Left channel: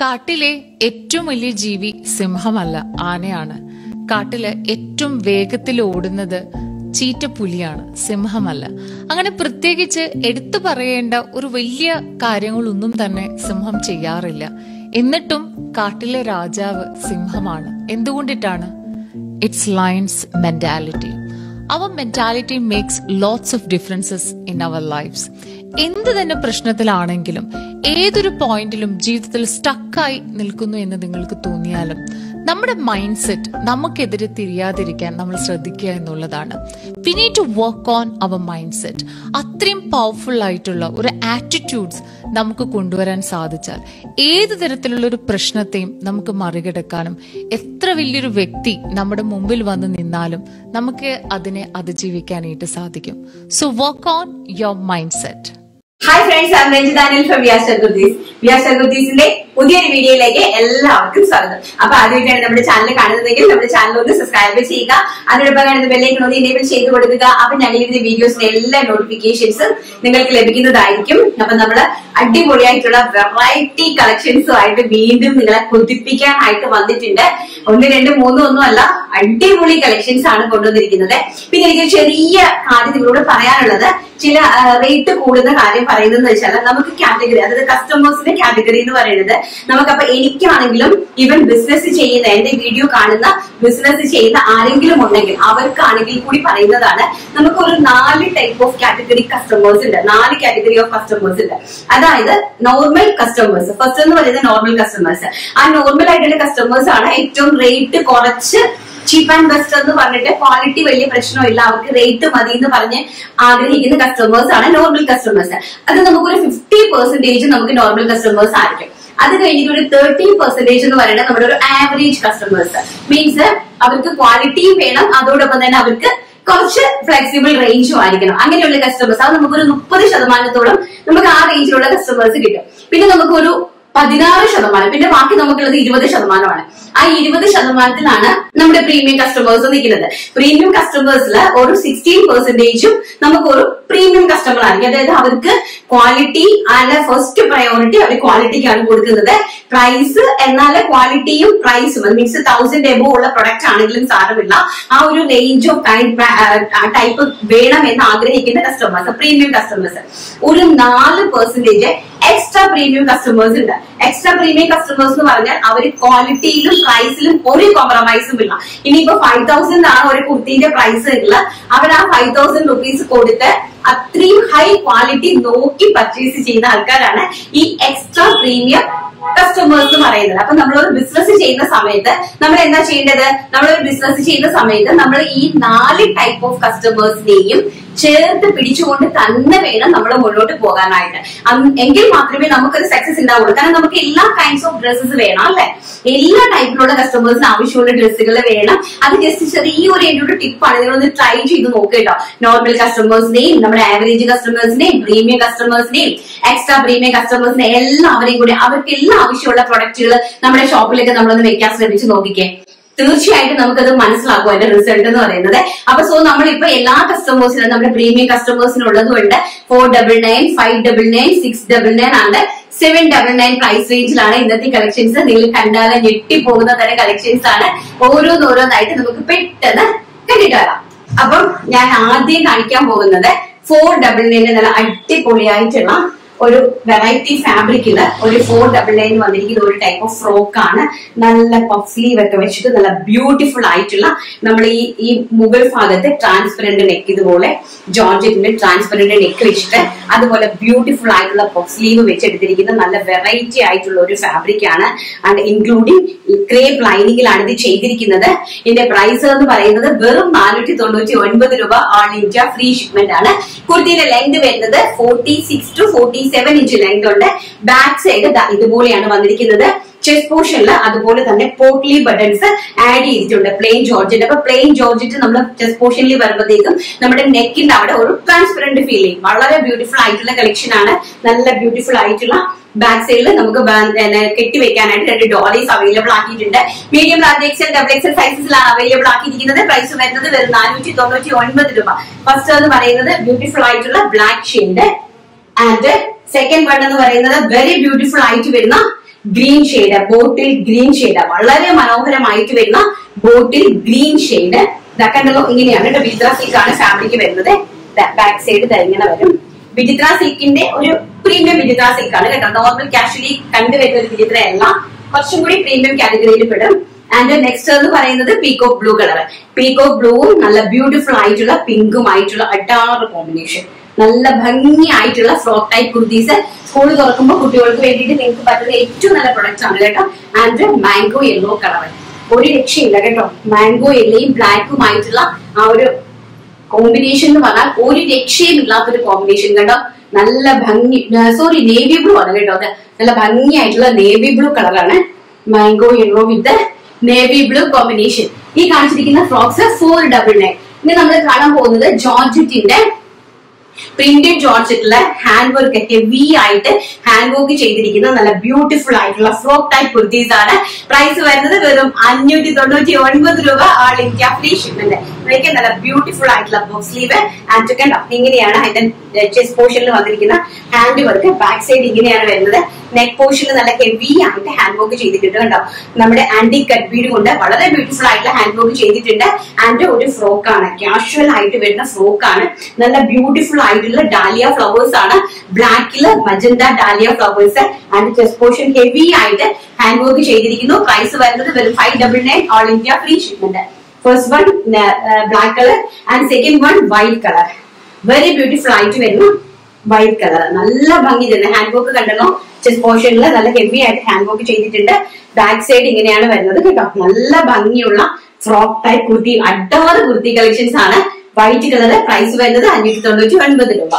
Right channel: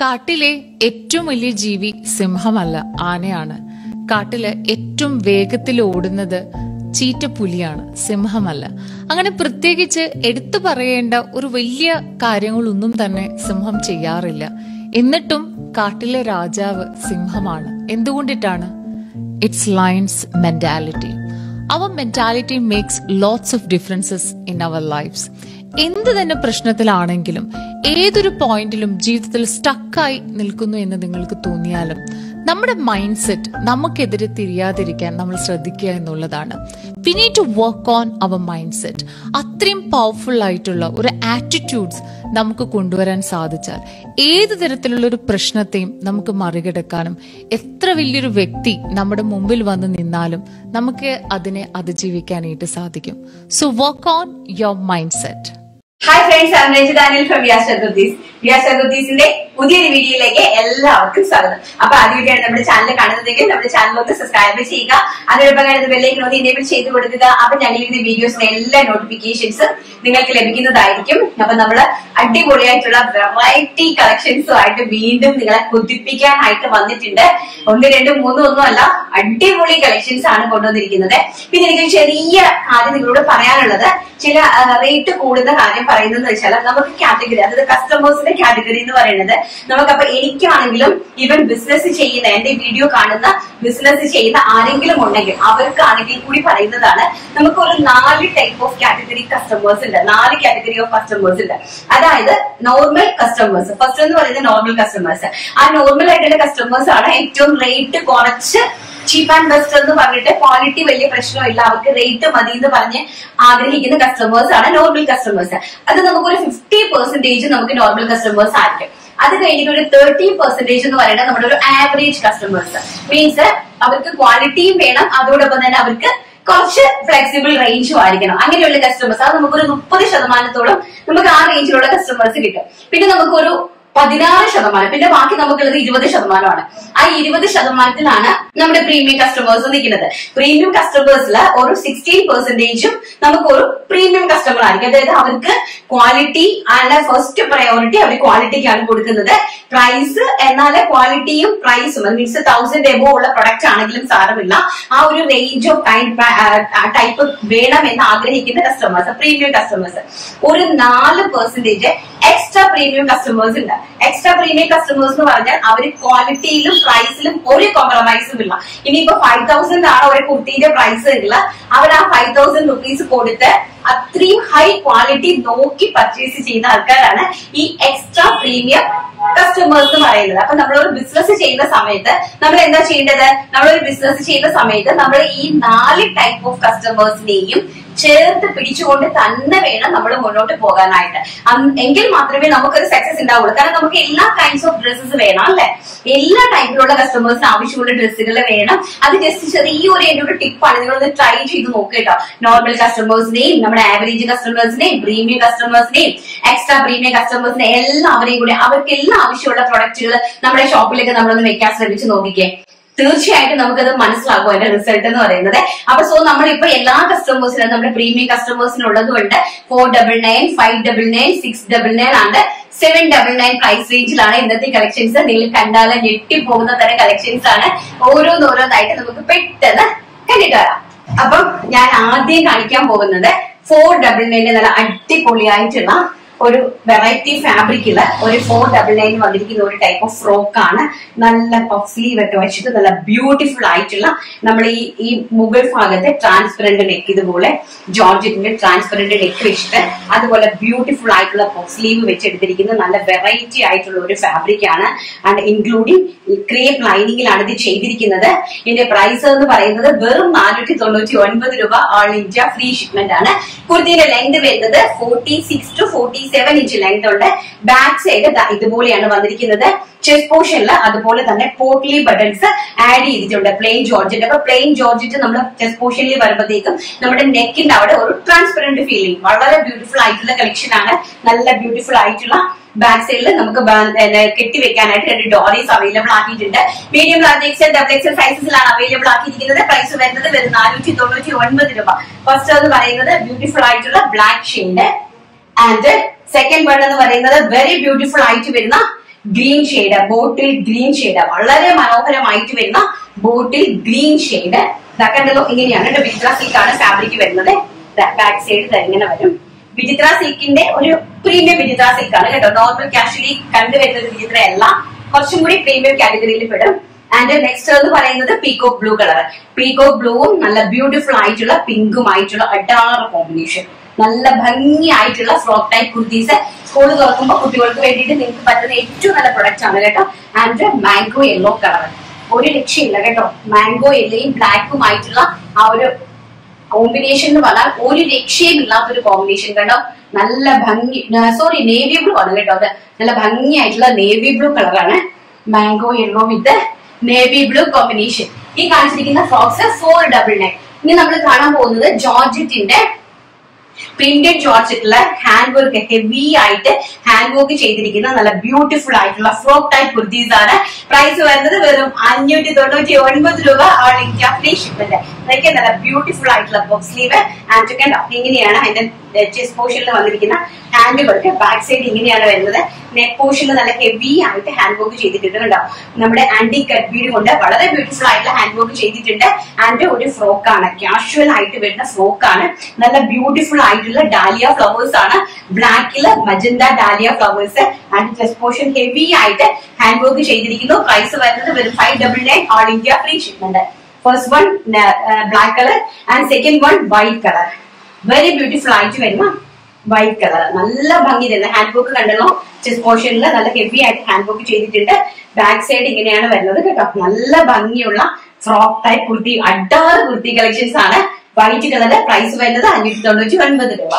കാട്ടിലെ ഏറ്റവും വലിയ ജീവി സിംഹമല്ല, ആനയാണ്. കാട്ടില് ഏറ്റവും വേഗത്തിൽ ഓടുന്നത് ചീറ്റപ്പുലിയാണ്, സിംഹമല്ല. അങ്ങനെ പ്രത്യേകിച്ച് എടുത്തു പറയേണ്ട ഒരു വലിയ കാര്യങ്ങളൊന്നും തന്നെ സിംഹം ചെയ്യാറില്ല. എന്നിട്ടും കാട്ടിലെ രാജാവ് സിംഹമാണ്. എന്തുകൊണ്ടിട്ടാണ്? It's lion's mentality. Our mentality makes lots of differences in our lifes. എന്ത് തന്നെ പ്രശ്നത്തിലാണെങ്കിലും ഏതൊരു പോയിന്റിലും ജീവിതത്തിൽ സ്റ്റക്കായി നിൽക്കുന്നു എന്ന് നിങ്ങൾക്ക് തോന്നിയാലും നമ്മുടെ മൈൻഡ് സെറ്റ് നമുക്കെതിരെ തിരിയാതിരിക്കാൻ നമ്മൾ ശ്രദ്ധിക്കുക എന്നുള്ളതാണ്. We need to work on our mindset. അത്രയും പവർഫുൾ ആയിട്ടുള്ള ഒരു ആറ്റിറ്റ്യൂഡ്സ് നമുക്ക് കൊണ്ടുവരാൻ സാധിച്ചാൽ ഏത് തരത്തിലുള്ള ഒരു പ്രശ്നത്തെയും നമുക്ക് മറികടക്കാനും എത്ര വലിയൊരു വ്യക്തി നമ്മുടെ മുമ്പിൽ വന്ന് നിന്നാലും നമുക്ക് അതിനെ അതിജീവിക്കാനായിട്ട് സാധിക്കും. So work on your mindset. Hi friends, I am Ranjitha Anil from വിയാസ് ഷർഗുദ്ദീസിന്റെ പുതിയൊരു വീഡിയോയിലേക്ക് എല്ലാവർക്കും സ്വാഗതം. അപ്പൊ ആദ്യമായിട്ടാണ് നമ്മുടെ ചാനൽ കാണുന്നതെങ്കിൽ നമ്മുടെ ചാനൽ ഒന്ന് സബ്സ്ക്രൈബ് ചെയ്യുക, അതിനോടൊപ്പം കാണുന്ന ബെല്ലൈക്കൺ ഒന്ന് എനേബിൾ ചെയ്ത് കൊടുക്കുക. അപ്പൊ ഞങ്ങളുടെ വീഡിയോസിന്റെ എല്ലാ നോട്ടിഫിക്കേഷൻസും നിങ്ങൾക്ക് ലഭിക്കുന്നതായിരിക്കും. അപ്പൊ നമ്മള് അടിപൊളിയായിട്ടുള്ള വെറൈറ്റി കളക്ഷൻസുമായിട്ട് വീണ്ടും നിങ്ങളെ കൊതിപ്പിക്കാനായിട്ട് വന്നിട്ടുണ്ട്. 1, 2, 3 ഒന്നുമല്ല, അടിപൊളി കളക്ഷൻസ് ആണ് കൊണ്ടുവന്നിരിക്കുന്നത്. പിന്നെ എനിക്ക് ചെറിയ കാര്യം നിങ്ങളോട് പറയാനുള്ളത്, ചില റേറ്റ് കൂടുന്ന കാര്യം പറയുന്നത് വെച്ചാൽ നമുക്ക് കാറ്റഗറി, അതായത് കസ്റ്റമേഴ്സിന്റെ കാറ്റഗറി എന്ന് പറയുന്നത് നമുക്കപ്പൊ എനിക്കാണെങ്കിലും ഈവൻ ബിസിനസ് ചെയ്യുന്ന, എന്റെ വീഡിയോ കാണുന്ന ബിസിനസ് ചെയ്യുന്ന ആരെങ്കിലും ഉണ്ടെങ്കിൽ അവർക്കാണെങ്കിൽ കൂടി പറയുന്നതാണ്. നമുക്കൊരു 4 ടൈപ്പ് ഓഫ് കാറ്റഗറി കസ്റ്റമേഴ്സ് ഉണ്ട്, 4 കാറ്റഗറി ഓഫ് കസ്റ്റമേഴ്സ് ഉണ്ട്. അതായത് നോർമൽ കസ്റ്റമേഴ്സ്, ഫസ്റ്റ് എന്ന് പറയുന്നത് നോർമൽ കസ്റ്റമേഴ്സ്. ആ നോർമൽ ആയിട്ടുള്ള കസ്റ്റമേഴ്സ് ആണ് ഏറ്റവും റേറ്റ് കുറച്ച്, ചീപ്പ് ആൻഡ് ബെസ്റ്റ് എന്ന് പറഞ്ഞിട്ട് ക്വാളിറ്റി വലിയ പ്രശ്നമില്ല, അവർക്ക് റേറ്റ് മതി എന്ന് പറഞ്ഞ് ആഗ്രഹിക്കുന്ന കസ്റ്റമേഴ്സ് ആണ് നോർമൽ കസ്റ്റമേഴ്സ്. അത് നമുക്കൊരു 50% നമുക്ക് നോർമൽ കസ്റ്റമേഴ്സ് ആയിരിക്കും. അത് കഴിഞ്ഞിട്ട് ഒരു 30% എന്ന് പറയുന്നത് നമ്മുടെ ഒരു ആവറേജ് കസ്റ്റമേഴ്സ്. മീൻസ് അവർക്ക് ക്വാളിറ്റിയും വേണം, അതോടൊപ്പം തന്നെ അവർക്ക് കുറച്ച് ഫ്ലെക്സിബിൾ റേഞ്ചും ആയിരിക്കണം. അങ്ങനെയുള്ള കസ്റ്റമേഴ്സ്, അത് നമുക്കൊരു 30% നമുക്ക് ആ റേഞ്ചിലുള്ള കസ്റ്റമേഴ്സ് കിട്ടും. പിന്നെ നമുക്കൊരു 16%, പിന്നെ ബാക്കി നമുക്കുള്ളത് 20%. ആ 20%ത്തിലാണ് നമ്മുടെ പ്രീമിയം കസ്റ്റമേഴ്സ് നിൽക്കുന്നത്. പ്രീമിയം കസ്റ്റമേഴ്സിൽ ഒരു 16% നമുക്കൊരു പ്രീമിയം കസ്റ്റമർ ആയിരിക്കും. അതായത് അവർക്ക് ക്വാളിറ്റി ആണ് ഫസ്റ്റ് പ്രയോറിറ്റി, അവർ ക്വാളിറ്റിക്കാണ് കൊടുക്കുന്നത്. പ്രൈസ് എന്നാൽ ക്വാളിറ്റിയും പ്രൈസും, മീൻസ് 1000 എബോ ഉള്ള പ്രൊഡക്റ്റ് ആണെങ്കിലും സാരമില്ല, ആ ഒരു റേഞ്ച് ഓഫ് ടൈപ്പ് വേണം എന്ന് ആഗ്രഹിക്കുന്ന കസ്റ്റമേഴ്സ്, പ്രീമിയം കസ്റ്റമേഴ്സ്. ഒരു 4% എക്സ്ട്രാ പ്രീമിയം കസ്റ്റമേഴ്സ് ഉണ്ട്. എക്സ്ട്രാ പ്രീമിയം കസ്റ്റമേഴ്സ് എന്ന് പറഞ്ഞാൽ അവര് ക്വാളിറ്റിയിലും പ്രൈസിലും ഒരു കോംപ്രമൈസും ഇല്ല. ഇനിയിപ്പോ 5000 ആണ് ഒരു കുർത്തിന്റെ പ്രൈസ് ഉള്ള, അവർ ആ 5000 റുപ്പീസ് കൊടുത്ത് അത്രയും ഹൈ ക്വാളിറ്റി നോക്കി പർച്ചേസ് ചെയ്യുന്ന ആൾക്കാരാണ് ഈ എക്സ്ട്രാ പ്രീമിയം കസ്റ്റമേഴ്സ് എന്ന് പറയുന്നത്. അപ്പൊ നമ്മളൊരു ബിസിനസ് ചെയ്യുന്ന സമയത്ത് നമ്മൾ എന്താ ചെയ്യേണ്ടത്? നമ്മളൊരു ബിസിനസ് ചെയ്യുന്ന സമയത്ത് നമ്മൾ ഈ 4 ടൈപ്പ് ഓഫ് കസ്റ്റമേഴ്സിനെയും ചേർത്ത് പിടിച്ചുകൊണ്ട് തന്നെ വേണം നമ്മൾ മുന്നോട്ട് പോകാനായിട്ട്. എങ്കിൽ മാത്രമേ നമുക്കൊരു സക്സസ് ഉണ്ടാവുള്ളൂ. കാരണം നമുക്ക് എല്ലാ കൈൻഡ്സ് ഓഫ് ഡ്രസ്സസ് വേണം, അല്ലെ? എല്ലാ ടൈപ്പിലുള്ള കസ്റ്റമേഴ്സിന് ആവശ്യമുള്ള ഡ്രസ്സുകൾ വേണം. അത് ജസ്റ്റ് ചെറിയൊരു എന്റെ ഒരു ടിപ്പാണ്, നിങ്ങളൊന്ന് ട്രൈ ചെയ്ത് നോക്കുക. നോർമൽ കസ്റ്റമേഴ്സിനെയും നമ്മുടെ ആവറേജ് കസ്റ്റമേഴ്സിനെയും പ്രീമിയം കസ്റ്റമേഴ്സിനെയും എക്സ്ട്രാ പ്രീമിയം കസ്റ്റമേഴ്സിനെ എല്ലാവരെയും കൂടെ അവർക്കെല്ലാം ആവശ്യമുള്ള പ്രൊഡക്റ്റുകൾ നമ്മുടെ ഷോപ്പിലേക്ക് നമ്മളൊന്ന് വെക്കാൻ ശ്രമിച്ച് നോക്കിക്കേ. തീർച്ചയായിട്ടും നമുക്കത് മനസ്സിലാക്കും അതിന്റെ റിസൾട്ട് എന്ന് പറയുന്നത്. അപ്പൊ നമ്മളിപ്പോ എല്ലാ കസ്റ്റമേഴ്സിനും, നമ്മുടെ പ്രീമിയം കസ്റ്റമേഴ്സിനുള്ളതുകൊണ്ട് 499, 599, 699 ആണ് 799 പ്രൈസ് റേഞ്ചിലാണ് ഇന്നത്തെ കളക്ഷൻസ്. നിങ്ങൾ കണ്ടാലെ ഞെട്ടിപ്പോകുന്ന തരം കളക്ഷൻസ് ആണ്. ഓരോന്നോരോന്നായിട്ട് നമുക്ക് പെട്ടെന്ന് കണ്ടിട്ട് വരാം. അപ്പം ഞാൻ ആദ്യം കാണിക്കാൻ പോകുന്നത് 499 നല്ല അടിപൊളിയായിട്ടുള്ള ഒരു വെറൈറ്റി ഫാബ്രിക്കില് ഒരു 499 വന്നിരിക്കുന്ന ഒരു ടൈപ്പ് ഓഫ് ഫ്രോക്ക് ആണ്. നല്ല പഫ് സ്ലീവ് ഒക്കെ വെച്ചിട്ട് നല്ല ബ്യൂട്ടിഫുൾ ആയിട്ടുള്ള, നമ്മൾ ഈ മുകൾ ഭാഗത്ത് ട്രാൻസ്പെറന്റ് നെക്ക്, ഇതുപോലെ ജോർജറ്റിന്റെ ട്രാൻസ്പെറന്റ് നെക്ക് വെച്ചിട്ട് അതുപോലെ ബ്യൂട്ടിഫുൾ ആയിട്ടുള്ള പഫ് സ്ലീവ് വെച്ചെടുത്തിരിക്കുന്ന നല്ല വെറൈറ്റി ആയിട്ടുള്ള ഒരു ഫാബ്രിക് ആണ്. ആൻഡ് ഇൻക്ലൂഡിംഗ് ക്രേപ്പ് ലൈനിങ്ങിലാണ് ഇത് ചെയ്തിരിക്കുന്നത്. ഇതിന്റെ പ്രൈസ് എന്ന് പറയുന്നത് വെറും 499 രൂപ. ഓൾ ഇന്ത്യ ഫ്രീ ഷിപ്മെന്റ് ആണ്. കുർത്തിയുടെ ലെങ്ത് വരുന്നത് 46 to 47 ഇഞ്ച് ലെങ്ത് ഉണ്ട്. ബാക്ക് സൈഡ് ഇതുപോലെയാണ് വന്നിരിക്കുന്നത്. ചെസ്റ്റ് പോർഷനിൽ അതുപോലെ തന്നെ പോട്ട്ലി ബട്ടൺസ് ആഡ് ചെയ്തിട്ടുണ്ട്, പ്ലെയിൻ ജോർജറ്റ്. അപ്പൊ പ്ലെയിൻ ജോർജറ്റ് നമ്മൾ ചെസ്റ്റ് പോർഷനിൽ വരുമ്പോഴത്തേക്കും നമ്മുടെ നെക്കിന്റെ അവിടെ ഒരു ട്രാൻസ്പെറന്റ് ഫീലിംഗ്, വളരെ ബ്യൂട്ടിഫുൾ ആയിട്ടുള്ള കളക്ഷൻ ആണ്. നല്ല ബ്യൂട്ടിഫുൾ ആയിട്ടുള്ള ബാക്ക് സൈഡിൽ നമുക്ക് കെട്ടിവെക്കാനായിട്ട് 2 ഡോളീസ് അവൈലബിൾ ആക്കിയിട്ടുണ്ട്. Medium, large, XL, double XL സൈസസിലാണ് അവൈലബിൾ ആക്കിയിരിക്കുന്നത്. പ്രൈസ് വരുന്നത് വെറും 499 രൂപ. ഫസ്റ്റ് എന്ന് പറയുന്നത് ബ്യൂട്ടിഫുൾ ആയിട്ടുള്ള black shade, and second one എന്ന് പറയുന്നത് വെരി ബ്യൂട്ടിഫുൾ ആയിട്ട് വരുന്ന green shade, bottle green shade, വളരെ മനോഹരമായിട്ട് വരുന്ന ബോട്ടിൽ ഗ്രീൻ ഷെയ്ഡ്. ഇതാക്കണ്ടല്ലോ, ഇങ്ങനെയാണ് കേട്ടോ. വിചിത്ര സിൽക്ക് ആണ് ഫാബ്രിക് വരുന്നത്. ബാക്ക് സൈഡ് ഇങ്ങനെ വരും. വിചിത്ര സിൽക്കിന്റെ ഒരു പ്രീമിയം വിചിത്ര സിൽക്ക് ആണ് കേട്ടോ. നോർമൽ കാഷ്വലി കണ്ടുവരുന്ന ഒരു വിചിത്ര അല്ല, കുറച്ചും കൂടി പ്രീമിയം കാറ്റഗറിയിൽ പെടും. ആൻഡ് നെക്സ്റ്റ് എന്ന് പറയുന്നത് പീകോക്ക് ബ്ലൂ കളർ. പീകോക്ക് ബ്ലൂവും നല്ല ബ്യൂട്ടിഫുൾ ആയിട്ടുള്ള പിങ്കും ആയിട്ടുള്ള അഡാറ് കോമ്പിനേഷൻ. നല്ല ഭംഗിയായിട്ടുള്ള ഫ്രോക്ക് ടൈപ്പ് കുർത്തീസ് സ്കൂൾ തുറക്കുമ്പോൾ കുട്ടികൾക്ക് വേണ്ടിയിട്ട് നിങ്ങൾക്ക് പറ്റുന്ന ഏറ്റവും നല്ല പ്രൊഡക്റ്റ് ആണ് കേട്ടോ. ആൻഡ് മാംഗോ യെല്ലോ കളർ, ഒരു രക്ഷയില്ല കേട്ടോ. മാംഗോ യെല്ലോയും ബ്ലാക്കും ആയിട്ടുള്ള ആ ഒരു കോമ്പിനേഷൻ എന്ന് പറഞ്ഞാൽ ഒരു രക്ഷയും ഇല്ലാത്തൊരു കോമ്പിനേഷൻ കേട്ടോ. നല്ല ഭംഗി, സോറി നേവി ബ്ലൂ ആണ് കേട്ടോ. അത് നല്ല ഭംഗിയായിട്ടുള്ള നേവി ബ്ലൂ കളറാണ്. മാംഗോ യെല്ലോ വിത്ത് നേവി ബ്ലൂ കോമ്പിനേഷൻ. ഈ കാണിച്ചിരിക്കുന്ന ഫ്രോക്സ് 499. ഇനി നമ്മൾ കാണാൻ പോകുന്നത് ജോർജറ്റിന്റെ പ്രിന്റഡ് ജോർജറ്റിലെ ഹാൻഡ് വർക്ക്, ഹെവി ആയിട്ട് ഹാൻഡ് വർക്ക് ചെയ്തിരിക്കുന്ന നല്ല ബ്യൂട്ടിഫുൾ ആയിട്ടുള്ള ഫ്രോക്ക് ടൈപ്പ് കുർത്തീസ് ആണ്. പ്രൈസ് വരുന്നത് വെറും 599 രൂപ. All India free shipment. ഇതൊക്കെ നല്ല ബ്യൂട്ടിഫുൾ ആയിട്ടുള്ള ബോക്സ് സ്ലീവ്. ആൻഡ് കണ്ടോ, ഇങ്ങനെയാണ് അതിന്റെ ചെസ്റ്റ് പോർഷനിൽ വന്നിരിക്കുന്ന ഹാൻഡ് വർക്ക്. ബാക്ക് സൈഡ് ഇങ്ങനെയാണ് വരുന്നത്. നെക്ക് പോർഷനിൽ നല്ല ഹെവി ആയിട്ട് ഹാൻഡ് വർക്ക് ചെയ്തിട്ടുണ്ട് കണ്ടോ. നമ്മുടെ ആന്റി കട്ട് ബീഡ് കൊണ്ട് വളരെ ബ്യൂട്ടിഫുൾ ആയിട്ടുള്ള ഹാൻഡ് വർക്ക് ചെയ്തിട്ടുണ്ട്. ആൻഡ് ഒരു ഫ്രോക്ക് ആണ്, കാഷ്വൽ ആയിട്ട് വരുന്ന ഫ്രോക്ക് ആണ്. നല്ല ബ്യൂട്ടിഫുൾ ആയിട്ടുള്ള ഡാലിയ ഫ്ലവേഴ്സ് ആണ്. ബ്ലാക്കില് magenta dahlia flowers. And chest portion heavy ആയിട്ട് ഹാൻഡ് വർക്ക് ചെയ്തിരിക്കുന്നു. പ്രൈസ് വരുന്നത് വെറും 599. All India free shipment. First one black colour and second one white colour. Very beautiful ആയിട്ട് വരുന്നു വൈറ്റ് കളർ. നല്ല ഭംഗി തന്നെ ഹാൻഡ് വർക്ക് കണ്ടല്ലോ. ചെസ്റ്റ് പോർഷനിൽ നല്ല ഹെവി ആയിട്ട് ഹാൻഡ് വർക്ക് ചെയ്തിട്ടുണ്ട്. ബാക്ക് സൈഡ് ഇങ്ങനെയാണ് വരുന്നത് കേട്ടോ. നല്ല ഭംഗിയുള്ള ഫ്രോക്ക് ടൈപ്പ് കുർത്തി, അഡാറ് കുർത്തി കളക്ഷൻസ് ആണ്. White colour. പ്രൈസ് വരുന്നത് 599 രൂപ.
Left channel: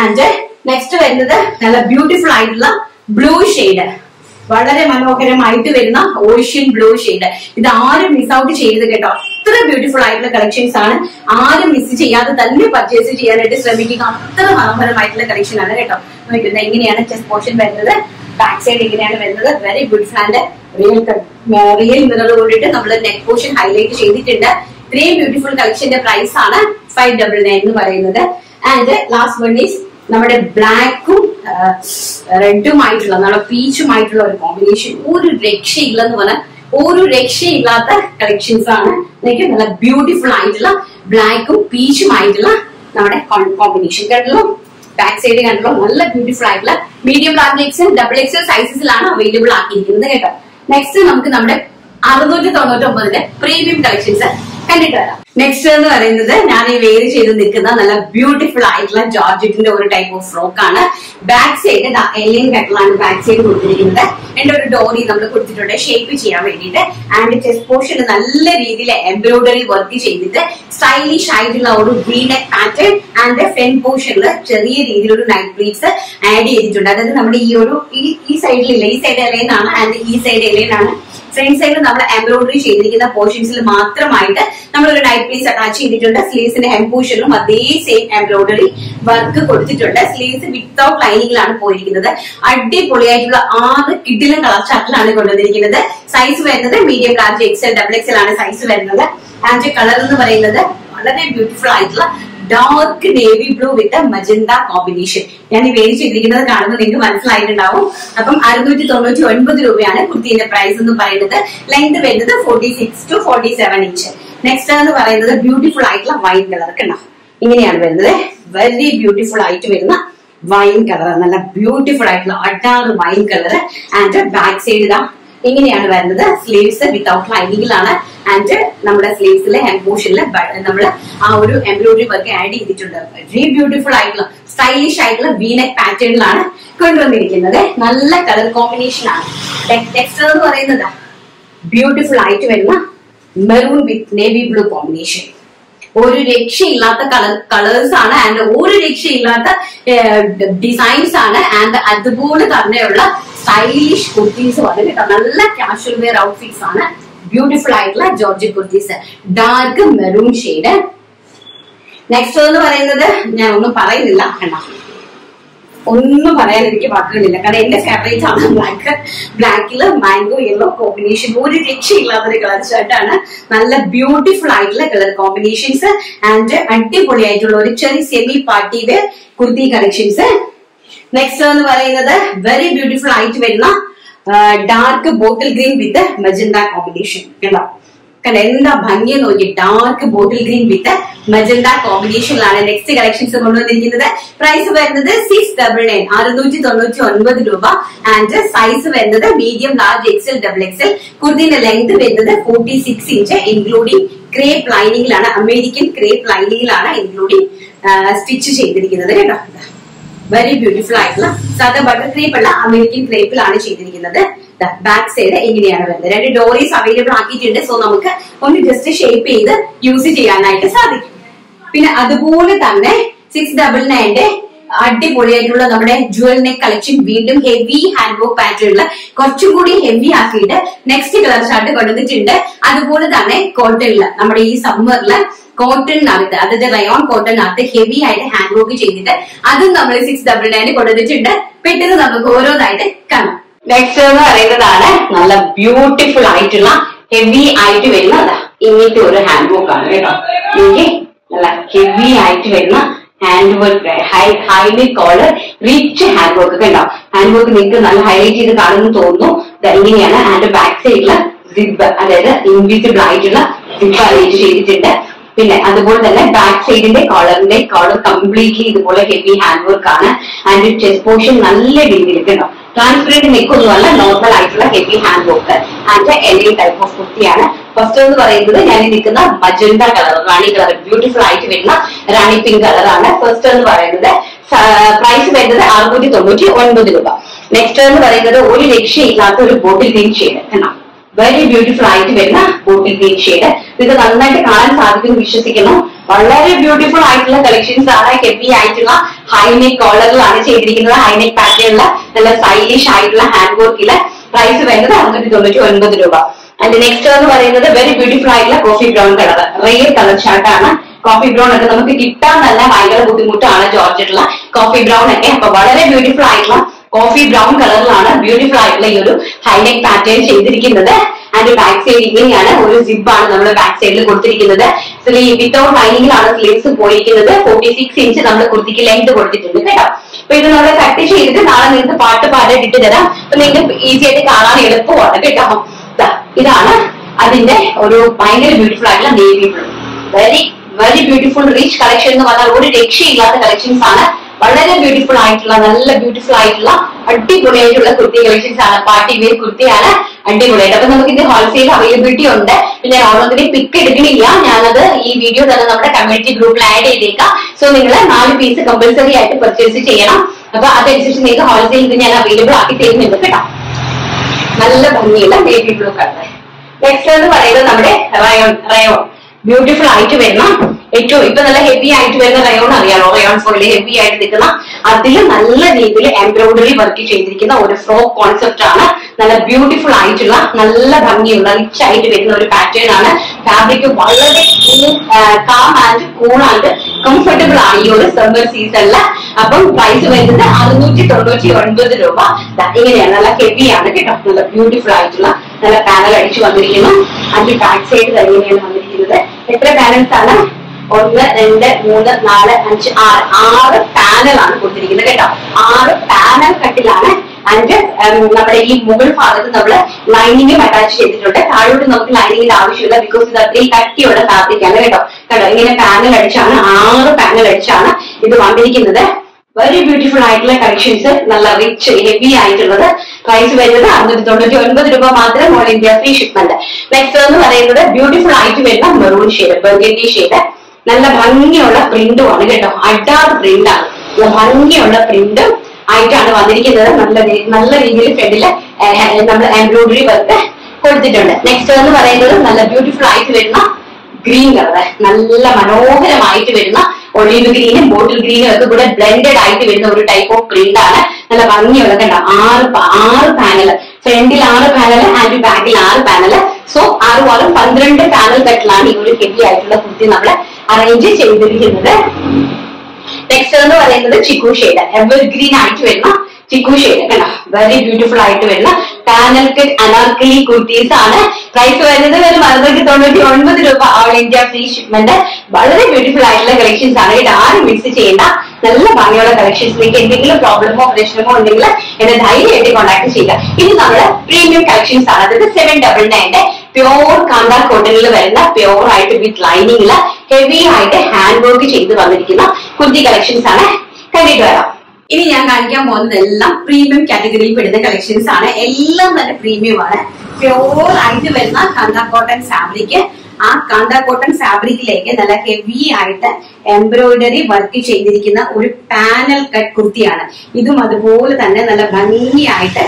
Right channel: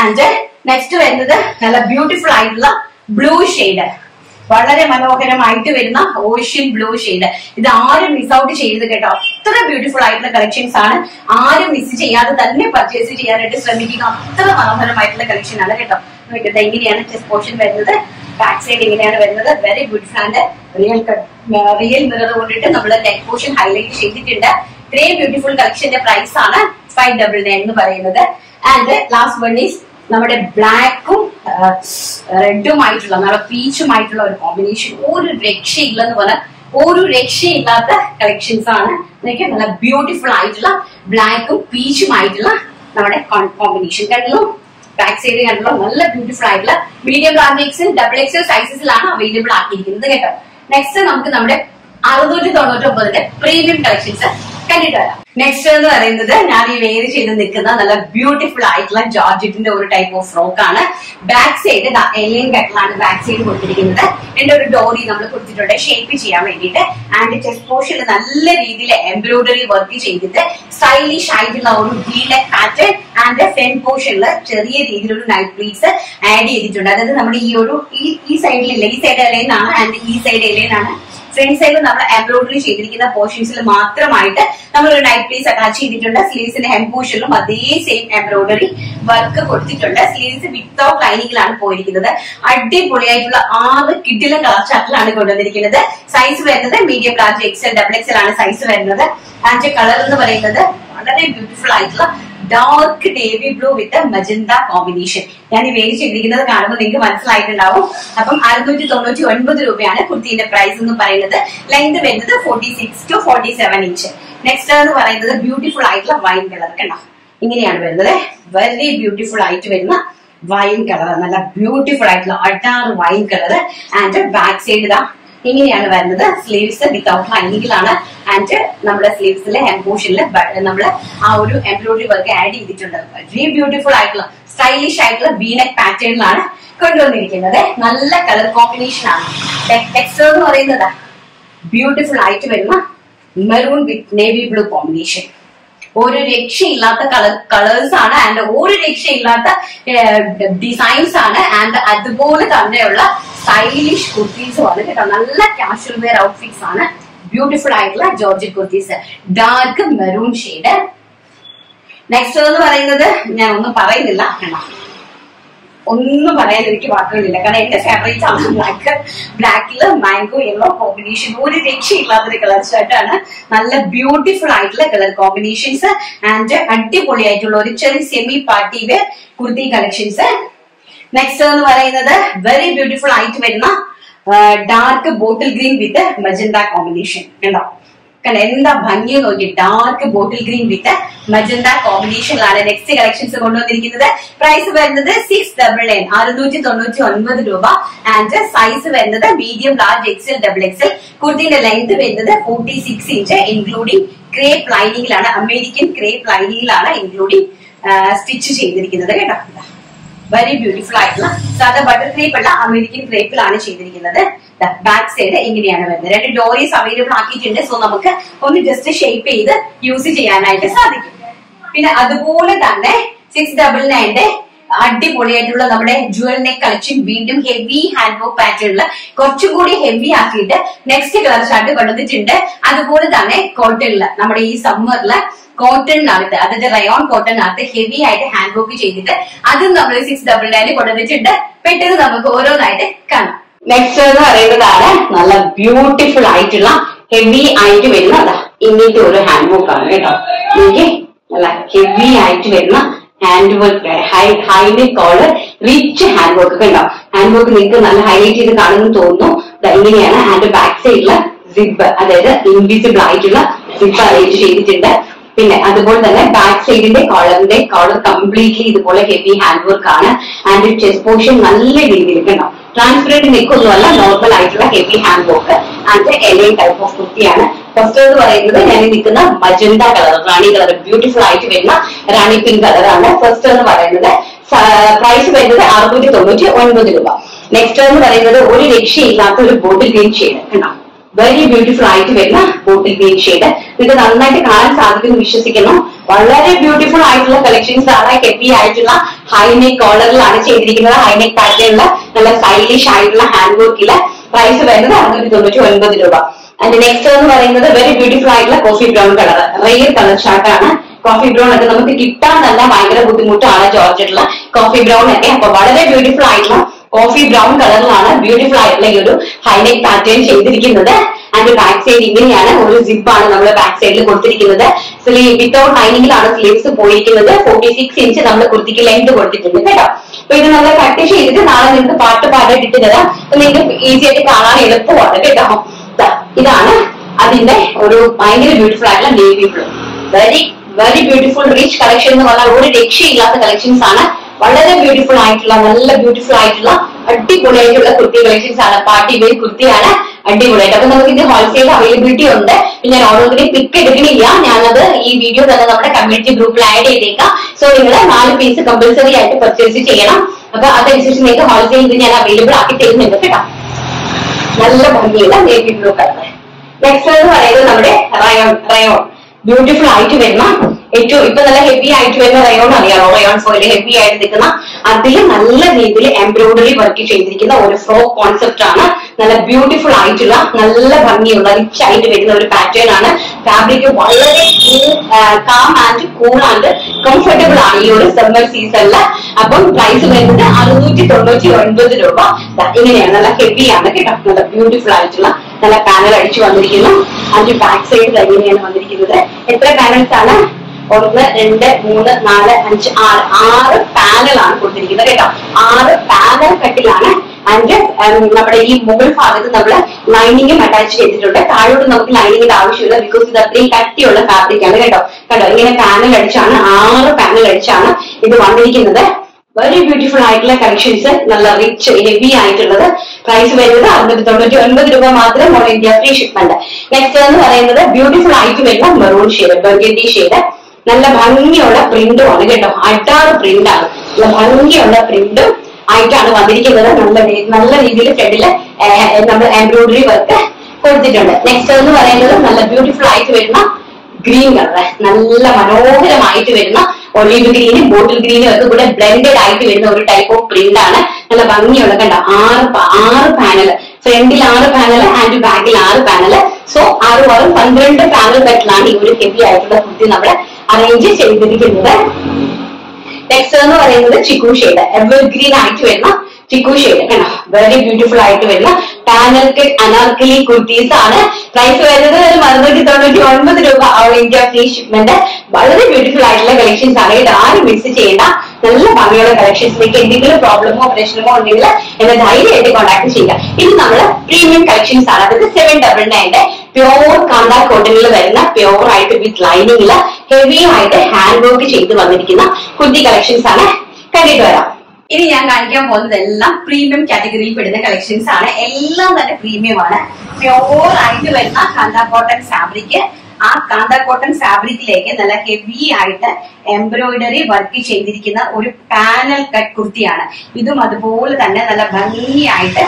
ആൻഡ് നെക്സ്റ്റ് വരുന്നത് നല്ല ബ്യൂട്ടിഫുൾ ആയിട്ടുള്ള ബ്ലൂ ഷെയ്ഡ്, വളരെ മനോഹരമായിട്ട് വരുന്ന ഓഷ്യൻ ബ്ലൂ ഷെയ്ഡ്. ഇത് ആരും മിസ് ഔട്ട് ചെയ്യരുത് കേട്ടോ. അത്ര ബ്യൂട്ടിഫുൾ ആയിട്ടുള്ള കളക്ഷൻസ് ആണ്. ആരും മിസ് ചെയ്യാതെ തന്നെ പർച്ചേസ് ചെയ്യാനായിട്ട് ശ്രമിക്കുക. അത്ര മനോഹരമായിട്ടുള്ള കളക്ഷൻ ആണ് കേട്ടോ. നോക്കുന്നത് ഇങ്ങനെയാണ് ചെസ്റ്റ് പോർഷൻ വരുന്നത്. ബാക്ക് സൈഡ് ഇങ്ങനെയാണ് വരുന്നത്. Very beautiful and real mirror കൊണ്ടിട്ട് നമ്മൾ നെക്ക് പോർഷൻ ഹൈലൈറ്റ് ചെയ്തിട്ടുണ്ട്. ഇത്രയും ബ്യൂട്ടിഫുൾ കളക്ഷന്റെ പ്രൈസ് ആണ് 599 എന്ന് പറയുന്നത്. ആൻഡ് ലാസ്റ്റ് വൺ ഈസ് നമ്മുടെ ബ്ലാക്കും റെഡും ആയിട്ടുള്ള, നമ്മുടെ പീച്ചുമായിട്ടുള്ള ഒരു കോമ്പിനേഷൻ. ഒരു രക്ഷയില്ലെന്ന് പറഞ്ഞാൽ ഒരു രക്ഷയില്ലാത്ത കളക്ഷൻസ് ആണ്. നല്ല ബ്യൂട്ടിഫുൾ ആയിട്ടുള്ള ബ്ലാക്കും പീച്ചും ആയിട്ടുള്ള നമ്മുടെ കോമ്പിനേഷൻ കണ്ടല്ലോ. ബാക്ക് സൈഡ് കണ്ടല്ലോ. നല്ല ബ്യൂട്ടിഫുൾ ആയിട്ടുള്ള medium, large XL, double XL സൈസസിലാണ് അവൈലബിൾ ആക്കിയിരിക്കുന്നത് കേട്ടോ. നെക്സ്റ്റ് നമുക്ക് നമ്മുടെ 699 പ്രീമിയം കളക്ഷൻസ് കണ്ടിട്ട് വരാം. നെക്സ്റ്റ് എന്ന് പറയുന്നത് ഞാൻ ഈ വെയർ ചെയ്ത് നിൽക്കുന്ന നല്ല ബ്യൂട്ടിഫുൾ ആയിട്ടുള്ള ജോർജറ്റിന്റെ ഒരു ടൈപ്പ് ഓഫ് ഫ്രോക്ക് ആണ്. ബാക്ക് സൈഡ് എലിയൻ കട്ടിലാണ് ബാക്ക് സൈഡ് കൊടുത്തിരിക്കുന്നത്. എന്റെ ഒരു ഡോറി നമ്മൾ കൊടുത്തിട്ടുണ്ട് ഷേപ്പ് ചെയ്യാൻ വേണ്ടിയിട്ട്. ആൻഡ് ചെസ്റ്റ് പോർഷനിൽ നല്ല രീതിയിൽ എംബ്രോയിഡറി വർക്ക് ചെയ്തിട്ട് സ്റ്റൈലിഷ് ആയിട്ടുള്ള ഒരു V neck pattern. And front പോർഷനിൽ ചെറിയ രീതിയിലൊരു നൈറ്റ് പ്ലീറ്റ്സ് ആഡ് ചെയ്തിട്ടുണ്ട്. അതായത് നമ്മുടെ ഈ ഒരു ഈ സൈഡിലില്ല, ഈ സൈഡ് എലൈൻ ആണ് ആൻഡ് ഈ സൈഡ് എലൈൻ ആണ്. ഫ്രണ്ട് സൈഡിൽ നമ്മൾ എംബ്രോയിഡറി ചെയ്തിരിക്കുന്ന പോർഷൻസിൽ മാത്രമായിട്ട് നമ്മൾ ഒരു നൈറ്റ് പീസ് അറ്റാച്ച് ചെയ്തിട്ടുണ്ട്. സ്ലീവ്സിന്റെ ഹെം പോർഷനിലും അതേ സെയിം എംബ്രോയിഡറി വർക്ക് കൊടുത്തിട്ടുണ്ട്. സ്ലീവ്സ് വിത്തൗട്ട് ലൈനിങ്ങിലാണ് പോയിരിക്കുന്നത്. അടിപൊളിയായിട്ടുള്ള 6 കിഡിലും കളർ ചാർട്ടിലാണ് കൊണ്ടുവന്നിരിക്കുന്നത്. സൈസ് വരുന്നത് medium, large, XL, double XL ആണ് സൈസ് വരുന്നത്. ആൻഡ് കളർ എന്ന് പറയുന്നത് വളരെ ബ്യൂട്ടിഫുൾ ആയിട്ടുള്ള dark navy blue with magenta combination. ഞാൻ ഈ വേരി ചെയ്തിരിക്കുന്നത് കാണുമ്പോൾ നിങ്ങൾക്ക് മനസ്സിലായിട്ടുണ്ടാവും. അപ്പം 699 രൂപയാണ് കുർത്തിന്റെ പ്രൈസ് എന്ന് പറയുന്നത്. ലെങ്ത് വരുന്നത് 46 to 47 ഇഞ്ച്. നെക്സ്റ്റ് എന്ന് പറയുന്നത് ബ്യൂട്ടിഫുൾ ആയിട്ടുള്ള വൈൻ കളർ കണ്ടോ. ഇങ്ങനെയാണ് വരുന്നത്. വെരി ബ്യൂട്ടിഫുൾ ആയിട്ട് വരുന്ന വൈൻ കളർ, നല്ല ബ്യൂട്ടിഫുൾ ആയിട്ടുള്ള അഡാറ് wine colour. And back side ഇതാ ഇങ്ങനെയാണ് വരുന്നത്. Sleeves without ലൈനിങ്ങിലാണ്. ആൻഡ് നമ്മുടെ സ്ലീവ്സിലെ ഹെം പോർഷനിൽ നമ്മൾ ആ ഒരു എംബ്രോയിഡറി വർക്ക് ആഡ് ചെയ്തിട്ടുണ്ട്. വെരി ബ്യൂട്ടിഫുൾ ആയിട്ടുള്ള സ്റ്റൈലിഷ് ആയിട്ടുള്ള വി നെക്ക് പാറ്റേണിലാണ് കൊണ്ടുവന്നിരിക്കുന്നത്. നല്ല കളർ കോമ്പിനേഷൻ ആണ്. ടെക്സ്റ്റർ എന്ന് പറയുന്നത് ബ്യൂട്ടിഫുൾ ആയിട്ട് വരുന്ന മെറൂൺ വിത്ത് നേവി ബ്ലൂ കോമ്പിനേഷൻ. ഒരു രക്ഷയില്ലാത്ത കളേഴ്സ് ആണ്. ആൻഡ് ഒരു രക്ഷയില്ലാത്ത ഡിസൈൻസ് ആണ്. ആൻഡ് അതുപോലെ തന്നെയുള്ള സ്റ്റൈലിഷ് കുർത്തീസ് ആണ് കേട്ടോ. നല്ല കാഷ്വൽ വെയർ ഔട്ട്ഫിറ്റ്സ് ആണ്. ബ്യൂട്ടിഫുൾ ആയിട്ടുള്ള georgette kurtis, dark maroon shade. Next എന്ന് പറയുന്നത് ഞാൻ ഒന്നും പറയുന്നില്ല, കണ്ടോ, ഒന്നും പറയാൻ എനിക്ക് വാക്കുകളില്ല. കാരണം എന്റെ ഫേവറേറ്റ് ആണ് ബ്ലാക്ക്. ബ്ലാക്കില് മാംഗോ യെല്ലോ കോമ്പിനേഷൻ. ഒരു രക്ഷയില്ലാത്തൊരു കളർ ഷർട്ടാണ്. നല്ല ബ്യൂട്ടിഫുൾ ആയിട്ടുള്ള കളർ കോമ്പിനേഷൻസ്. ആൻഡ് അടിപൊളിയായിട്ടുള്ള ഒരു ചെറിയ semi party wear kurti collections. Next എന്ന് പറയുന്നത് വെരി ബ്യൂട്ടിഫുൾ ആയിട്ട് വരുന്ന dark bottle green with magenta combination കണ്ടോ. കണ്ട എന്താ ഭംഗി നോക്കി, dark bottle green with magenta കോമ്പിനേഷനിലാണ് നെക്സ്റ്റ് കളക്ഷൻസ് കൊണ്ടുവന്നിരിക്കുന്നത്. പ്രൈസ് വരുന്നത് 699 699 രൂപ. ആൻഡ് സൈസ് വരുന്നത് medium, large, XL, double XL. കുർത്തിന്റെ ലെങ്ത് വരുന്നത് 46 ഇഞ്ച് ഇൻക്ലൂഡിംഗ് ക്രേപ്പ് ലൈനിങ്ങിലാണ്, അമേരിക്കൻ ക്രേപ്പ് ലൈനിങ്ങിലാണ് ഇൻക്ലൂഡിംഗ് സ്റ്റിച്ച് ചെയ്തിരിക്കുന്നത് കേട്ടോ. വെരി ബ്യൂട്ടിഫുൾ ആയിട്ടുള്ള സാധാ ബട്ടർ ക്രേപ്പ് അല്ല, അമേരിക്കൻ ക്രേപ്പിലാണ് ചെയ്തിരിക്കുന്നത്. ബാക്ക് സൈഡ് ഇങ്ങനെയാണ് വരുന്നത്. 2 ഡോറീസ് അവൈലബിൾ ആക്കിയിട്ടുണ്ട്. സോ നമുക്ക് ഒന്ന് ജസ്റ്റ് ഷേപ്പ് ചെയ്ത് യൂസ് ചെയ്യാനായിട്ട് സാധിക്കും. പിന്നെ അതുപോലെ തന്നെ 699 അടിപൊളിയായിട്ടുള്ള നമ്മുടെ ജുവൽ നെക്ക് കളക്ഷൻ, വീണ്ടും ഹെവി ഹാൻഡ് വർക്ക് പാറ്റേണില് കുറച്ചും കൂടി ഹെവി ആക്കിയിട്ട് നെക്സ്റ്റ് കളർ ചാർട്ട് കൊണ്ടുവന്നിട്ടുണ്ട്. അതുപോലെ തന്നെ കോട്ടണില് നമ്മുടെ ഈ സമ്മറില് കോട്ടണിനകത്ത്, അതായത് റയോൺ കോട്ടണിനകത്ത് ഹെവി ആയിട്ട് ഹാൻഡ് വർക്ക് ചെയ്തിട്ട് അതും നമ്മൾ 699 കൊണ്ടുവന്നിട്ടുണ്ട്. പെട്ടെന്ന് നമുക്ക് ഓരോന്നായിട്ട് കാണാം. നെക്സ്റ്റ് എന്ന് പറയുന്നതാണ് നല്ല ബ്യൂട്ടിഫുൾ ആയിട്ടുള്ള ഹെവി ആയിട്ട് വരുന്ന ഇങ്ങനത്തെ ഒരു ഹാൻഡ് വർക്ക് ആണ് കേട്ടോ. എനിക്ക് നല്ല ഹെവി ആയിട്ട് വരുന്ന hand work, highlight collar, rich hand work ഒക്കെ ഉണ്ടാവും. ഹാൻഡ് വർക്ക് നിങ്ങൾക്ക് നല്ല ഹൈലൈറ്റ് ചെയ്ത് കാണുമെന്ന് തോന്നുന്നു. ഇങ്ങനെയാണ്. ആൻഡ് ബാക്ക് സൈഡില് സിബ്, അതായത് ഇൻവിസിബിൾ ആയിട്ടുള്ള സിബ് അറേഞ്ച് ചെയ്തിട്ടുണ്ട്. പിന്നെ അതുപോലെ തന്നെ ബാക്ക് സൈഡിന്റെ കോളർ കംപ്ലീറ്റ്ലി ഇതുപോലെ ഹെവി ഹാൻഡ് വർക്ക് ആണ്. ആൻഡ് ചെസ്റ്റ് പോർഷൻ നല്ല രീതിയിൽ ഉണ്ടാവും. ട്രാൻസ്പെറന്റ് നെക്കൊന്നുമല്ല, നോർമൽ ആയിട്ടുള്ള heavy hand work. And A-line type of കുർത്തിയാണ്. ഫസ്റ്റ് എന്ന് പറയുന്നത് ഞാൻ നിൽക്കുന്ന മജന്ത കളർ, റാണി കളർ, ബ്യൂട്ടിഫുൾ ആയിട്ട് വരുന്ന റാണി പിങ്ക് കളറാണ്. ഫസ്റ്റ് എന്ന് പറയുന്നത് പ്രൈസ് വരുന്നത് 699 രൂപ. നെക്സ്റ്റ് എന്ന് പറയുന്നത് ഒരു രക്ഷയില്ലാത്ത ഒരു ബോട്ടിൽ ഗ്രീൻ ഷെയ്ഡ് കണ്ടോ. വെരി ബ്യൂട്ടിഫുൾ ആയിട്ട് വരുന്ന ബോട്ടിൽ ഗ്രീൻ ഷെയ്ഡ്. ഇത് നന്നായിട്ട് കാണാൻ സാധിക്കുന്നു വിശ്വസിക്കുന്നു. വളരെ ബ്യൂട്ടിഫുൾ ആയിട്ടുള്ള കളക്ഷൻസ് ആണ്. ഹെവി ആയിട്ടുള്ള ഹൈനെക്ക് കോളറിലാണ് ചെയ്തിരിക്കുന്നത്. ഹൈനെക്ക് പാറ്റേണില് നല്ല സ്റ്റൈലിഷ് ആയിട്ടുള്ള ഹാൻഡ് വർക്കില്. പ്രൈസ് വരുന്നത് 699 രൂപ. ആൻഡ് നെക്സ്റ്റ് എന്ന് പറയുന്നത് വെരി ബ്യൂട്ടിഫുൾ ആയിട്ടുള്ള coffee brown colour, rare colour ചാർട്ടാണ്. കോഫി ബ്രൗൺ ഒക്കെ നമുക്ക് കിട്ടാൻ തന്നെ ഭയങ്കര ബുദ്ധിമുട്ടാണ് ജോർജറ്റിലുള്ള കോഫി ബ്രൗൺ ഒക്കെ. അപ്പൊ വളരെ ബ്യൂട്ടിഫുൾ ആയിട്ടുള്ള കോഫി ബ്രൗൺ കളറിലാണ് ബ്യൂട്ടിഫുൾ ആയിട്ടുള്ള ഈ ഒരു ഹൈനെക്ക് പാറ്റേൺ ചെയ്തിരിക്കുന്നത്. ആൻഡ് ബാക്ക് സൈഡ് ഇങ്ങനെയാണ്. ഒരു സിബ് ആണ് നമ്മൾ ബാക്ക് സൈഡിൽ കൊടുത്തിരിക്കുന്നത്. വിത്തൗട്ട് ലൈനിങ്ങിലാണ് സ്ലീവ്സ് പോയിരിക്കുന്നത്. 46 ഇഞ്ച് നമ്മൾ കുർത്തിക്ക് ലെങ്ത് കൊടുത്തിട്ടുണ്ട് കേട്ടോ. അപ്പൊ ഇത് നമ്മൾ കട്ട് ചെയ്തിട്ട് നാളെ നിങ്ങൾക്ക് പാട്ട് ഇട്ട് തരാം. അപ്പൊ നിങ്ങൾക്ക് ഈസി ആയിട്ട് കാണാൻ എളുപ്പമാണ് കേട്ടോ. ഇതാണ് അതിന്റെ ഒരു ഭയങ്കര ബ്യൂട്ടിഫുൾ ആയിട്ടുള്ള navy blue. Very beautiful rich collection എന്ന് പറഞ്ഞാൽ ഒരു രക്ഷയില്ലാത്ത കളക്ഷൻസ് ആണ്. വളരെ ബ്യൂട്ടിഫുൾ ആയിട്ടുള്ള, നല്ല ബ്യൂട്ടിഫുൾ ആയിട്ടുള്ള അടിപൊളിയായിട്ടുള്ള കുർത്തി കളക്ഷൻസ് ആണ്. പാർട്ടി വെയർ കുർത്തിയാണ്, അടിപൊളിയായിട്ട്. അപ്പൊ നമുക്ക് ഇത് ഹോൾസെയിൽ അവൈലബിലിറ്റി ഉണ്ട്. ഞാൻ ഓരോന്നിനെയും പിക്ക് എടുക്കണില്ല, ഞാനത് ഈ വീഡിയോ തന്നെ നമ്മുടെ കമ്മ്യൂണിറ്റി ഗ്രൂപ്പിൽ ആഡ് ചെയ്തേക്കാം. സോ നിങ്ങൾ 4 പീസ് കമ്പൽസറി ആയിട്ട് പർച്ചേസ് ചെയ്യണം. അപ്പൊ അതനുസരിച്ച് നിങ്ങൾക്ക് ഹോൾസെയിൽ ഇത് ഞാൻ അവൈലബിൾ ആക്കി തരുന്നുണ്ട് കേട്ടോ. നല്ല ഭംഗിയുള്ള നേവി ബ്ലൂ കളർ. നെക്സ്റ്റ് എന്ന് പറയുന്നത് നമ്മുടെ റയോൺ ബ്യൂട്ടിഫുൾ ആയിട്ട് വരുന്ന ഏറ്റവും ഇപ്പൊ നല്ല ഹെവി ആയിട്ട് വരുന്ന റയോൺ അറിയാമോ? റയോൺ ഫോയില് ഹെവി ആയിട്ട് നിൽക്കുന്ന അതിൽ നല്ല രീതിയിൽ എംബ്രോയിഡറി വർക്ക് ചെയ്തിരിക്കുന്ന ഒരു ഫ്രോക്ക് കോൺസെപ്റ്റ് ആണ്. നല്ല ബ്യൂട്ടിഫുൾ ആയിട്ടുള്ള, നല്ല ഭംഗിയുള്ള, റിച്ച് ആയിട്ട് വരുന്ന ഒരു പാറ്റേൺ ആണ്. ഫാബ്രിക് വളരെ calm and cool and comfortable ആണ് ഈ ഒരു സമ്മർ സീസണില്. അപ്പം പ്രൈസ് വരുന്നത് 699 രൂപ. ഇങ്ങനെയാണ്, നല്ല ഹെവി ആണ് കേട്ടോ. നല്ല ബ്യൂട്ടിഫുൾ ആയിട്ടുള്ള നല്ല പാനൽ അടിച്ചു വന്നിരിക്കുന്നു. അതിന്റെ ബാക്ക് സൈഡ് ഇങ്ങനെയാണ് വന്നിരിക്കുന്നത്. എത്ര പാനൽസ് ആണ്? 1 2 3 4 5 6 പാനലാണ് കൊടുത്തിരിക്കുന്നത് കേട്ടോ. 6 പാനൽ കട്ടിലാണ്. ആൻഡ് നമ്മുടെ ഈ മുകൾ ഭാഗത്ത് നമ്മൾ ലൈനിങ്ങും അറ്റാച്ച് ചെയ്തിട്ടുണ്ട്. താഴോട്ട് നമുക്ക് ലൈനിങ്ങിന്റെ ആവശ്യമില്ല, ബിക്കോസ് ഇത് അത്രയും കട്ടിയുള്ള ഫാബ്രിക് ആണ് കേട്ടോ. കേട്ടോ ഇങ്ങനെ പാനൽ അടിച്ചാണ്, 6 പാനൽ അടിച്ചാണ് ഇത് വന്നിരിക്കുന്നത്. വെരി ബ്യൂട്ടിഫുൾ ആയിട്ടുള്ള കളക്ഷൻസ്, നല്ല റിച്ച് ഹെവി ആയിട്ടുള്ളത്. പ്രൈസ് വരുന്നത് 699 രൂപ മാത്രം. All India free shipment. Next എന്ന് പറയുന്നത് ബ്യൂട്ടിഫുൾ ആയിട്ട് വരുന്ന മെറൂൺ ഷെയ്ഡ്, ബർഗണ്ടി ഷെയ്ഡ്. നല്ല ഭംഗിയുള്ള പ്രിന്റും ആണ് കേട്ടോ. അഡാറ് പ്രിന്റ് ആണ്. നല്ല ഭംഗിയുള്ള പ്രിന്റും ആയിട്ടാണ് വന്നിരിക്കുന്നത്. നല്ല രീതിയിൽ ഫ്രണ്ടില് നമ്മൾ എംബ്രോയിഡറി വർക്ക് കൊടുത്തിട്ടുണ്ട്. നെക്സ്റ്റ് എന്ന് പറയുന്നത് നല്ല ബ്യൂട്ടിഫുൾ ആയിട്ട് വരുന്ന ഗ്രീൻ കളർ, നല്ല മനോഹരമായിട്ട് വരുന്ന ഒലിവ് ഗ്രീനും ബോട്ടിൽ ഗ്രീനും ഒക്കെ കൂടെ ബ്ലെൻഡഡ് ആയിട്ട് വരുന്ന ഒരു ടൈപ്പ് ഓഫ് പ്രിന്റ് ആണ്. നല്ല ഭംഗിയുള്ള കണ്ട 6 പാനൽ, ഫ്രണ്ടിൽ 6 പാനൽ ആൻഡ് ബാക്കിൽ 6 പാനൽ. സോ 6 12 പാനൽ കട്ടിലാണ് ഈ ഒരു ഹെവി ആയിട്ടുള്ള കുർത്തി നമ്മൾ അറേഞ്ച് ചെയ്തിരിക്കുന്നത്. നെക്സ്റ്റ് എന്ന് പറയുന്നത് ചിക്കു ഷെയ്ഡ്, എവർ ഗ്രീൻ ആയിട്ട് വരുന്ന ചിക്കു ഷെയ്ഡ് കണ്ടോ. വെരി ബ്യൂട്ടിഫുൾ ആയിട്ട് വരുന്ന പാനൽ കട്ട് അനാർക്കലി കുർത്തീസ് ആണ്. പ്രൈസ് വരുന്നത് 699 രൂപ. All India free shipment. വളരെ ബ്യൂട്ടിഫുൾ ആയിട്ടുള്ള കളക്ഷൻസ് ആണ്. ഇത് ആരും മിക്സ് ചെയ്യേണ്ട. നല്ല ഭംഗിയുള്ള കളക്ഷൻസിലേക്ക് എന്തെങ്കിലും പ്രോബ്ലമോ പ്രശ്നമോ ഉണ്ടെങ്കിൽ എന്നെ ധൈര്യമായിട്ട് കോൺടാക്ട് ചെയ്യുക. ഇത് നമ്മുടെ പ്രീമിയം കളക്ഷൻസ് ആണ്. അതായത് 799 പ്യോർ കാന്ത കോട്ടണിൽ വരുന്ന പ്യോർ ആയിട്ട് വിത്ത് ലൈനിങ്ങില് ഹെവി ആയിട്ട് ഹാൻഡ് വർക്ക് ചെയ്ത് വന്നിരിക്കുന്ന കുർത്തി കളക്ഷൻസ് ആണ്. കണ്ടിട്ട് വരാം. ഇനി ഞാൻ കാണിക്കാൻ പോകുന്നതെല്ലാം പ്രീമിയം കാറ്റഗറിയിൽ പെടുന്ന കളക്ഷൻസ് ആണ്. എല്ലാം തന്നെ പ്രീമിയം ആണ്. പ്യോർ ആയിട്ട് വരുന്ന കാന്ത കോട്ടൺ ഫാബ്രിക്. ആ കാന്ത കോട്ടൺ ഫാബ്രിക്കിലേക്ക് നല്ല ഹെവി ആയിട്ട് എംബ്രോയിഡറി വർക്ക് ചെയ്തിരിക്കുന്ന ഒരു പാനൽ കട്ട് കുർത്തിയാണ്. ഇതും അതുപോലെ തന്നെ നല്ല ഭംഗിയായിട്ട്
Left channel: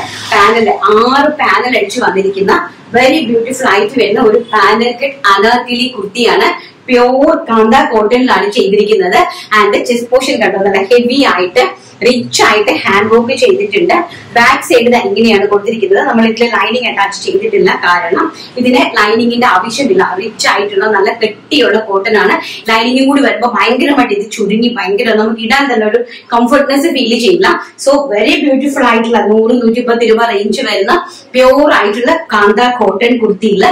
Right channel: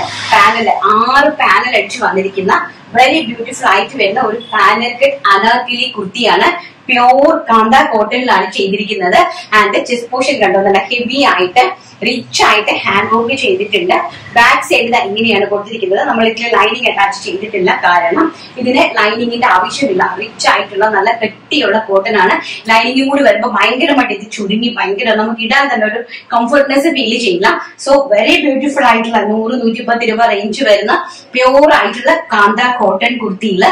6 പാനൽ അടിച്ചു വന്നിരിക്കുന്ന വെരി ബ്യൂട്ടിഫുൾ ആയിട്ട് വരുന്ന ഒരു പാനൽ കട്ട് അനാർക്കലി കുർത്തിയാണ്. പ്യോർ കാന്ത കോട്ടണിലാണ് ചെയ്തിരിക്കുന്നത്. ആൻഡ് ചെസ്റ്റ് പോർഷൻ കണ്ടോ നല്ല ഹെവി ആയിട്ട് റിച്ച് ആയിട്ട് ഹാൻഡ് വർക്ക് ചെയ്തിട്ടുണ്ട്. ബാക്ക് സൈഡ് ഇങ്ങനെയാണ് കൊടുത്തിരിക്കുന്നത്. നമ്മൾ ഇതിൽ ലൈനിങ് അറ്റാച്ച് ചെയ്തിട്ടില്ല, കാരണം ഇതിന് ലൈനിങ്ങിന്റെ ആവശ്യമില്ല. റിച്ച് ആയിട്ടുള്ള നല്ല കെട്ടിയുള്ള കോട്ടൺ ആണ്. ലൈനിങ്ങും കൂടി വരുമ്പോൾ ഭയങ്കരമായിട്ട് ഇത് ചുരുങ്ങി ഭയങ്കര നമുക്ക് ഇടാൻ തന്നെ ഒരു കംഫർട്ട്നെസ് ഫീൽ ചെയ്യില്ല. സോ വെരി ബ്യൂട്ടിഫുൾ ആയിട്ടുള്ള 100-110 രൂപ റേഞ്ച് വരുന്ന പ്യോർ ആയിട്ടുള്ള കാന്ത കോട്ടൺ കുർത്തിയിൽ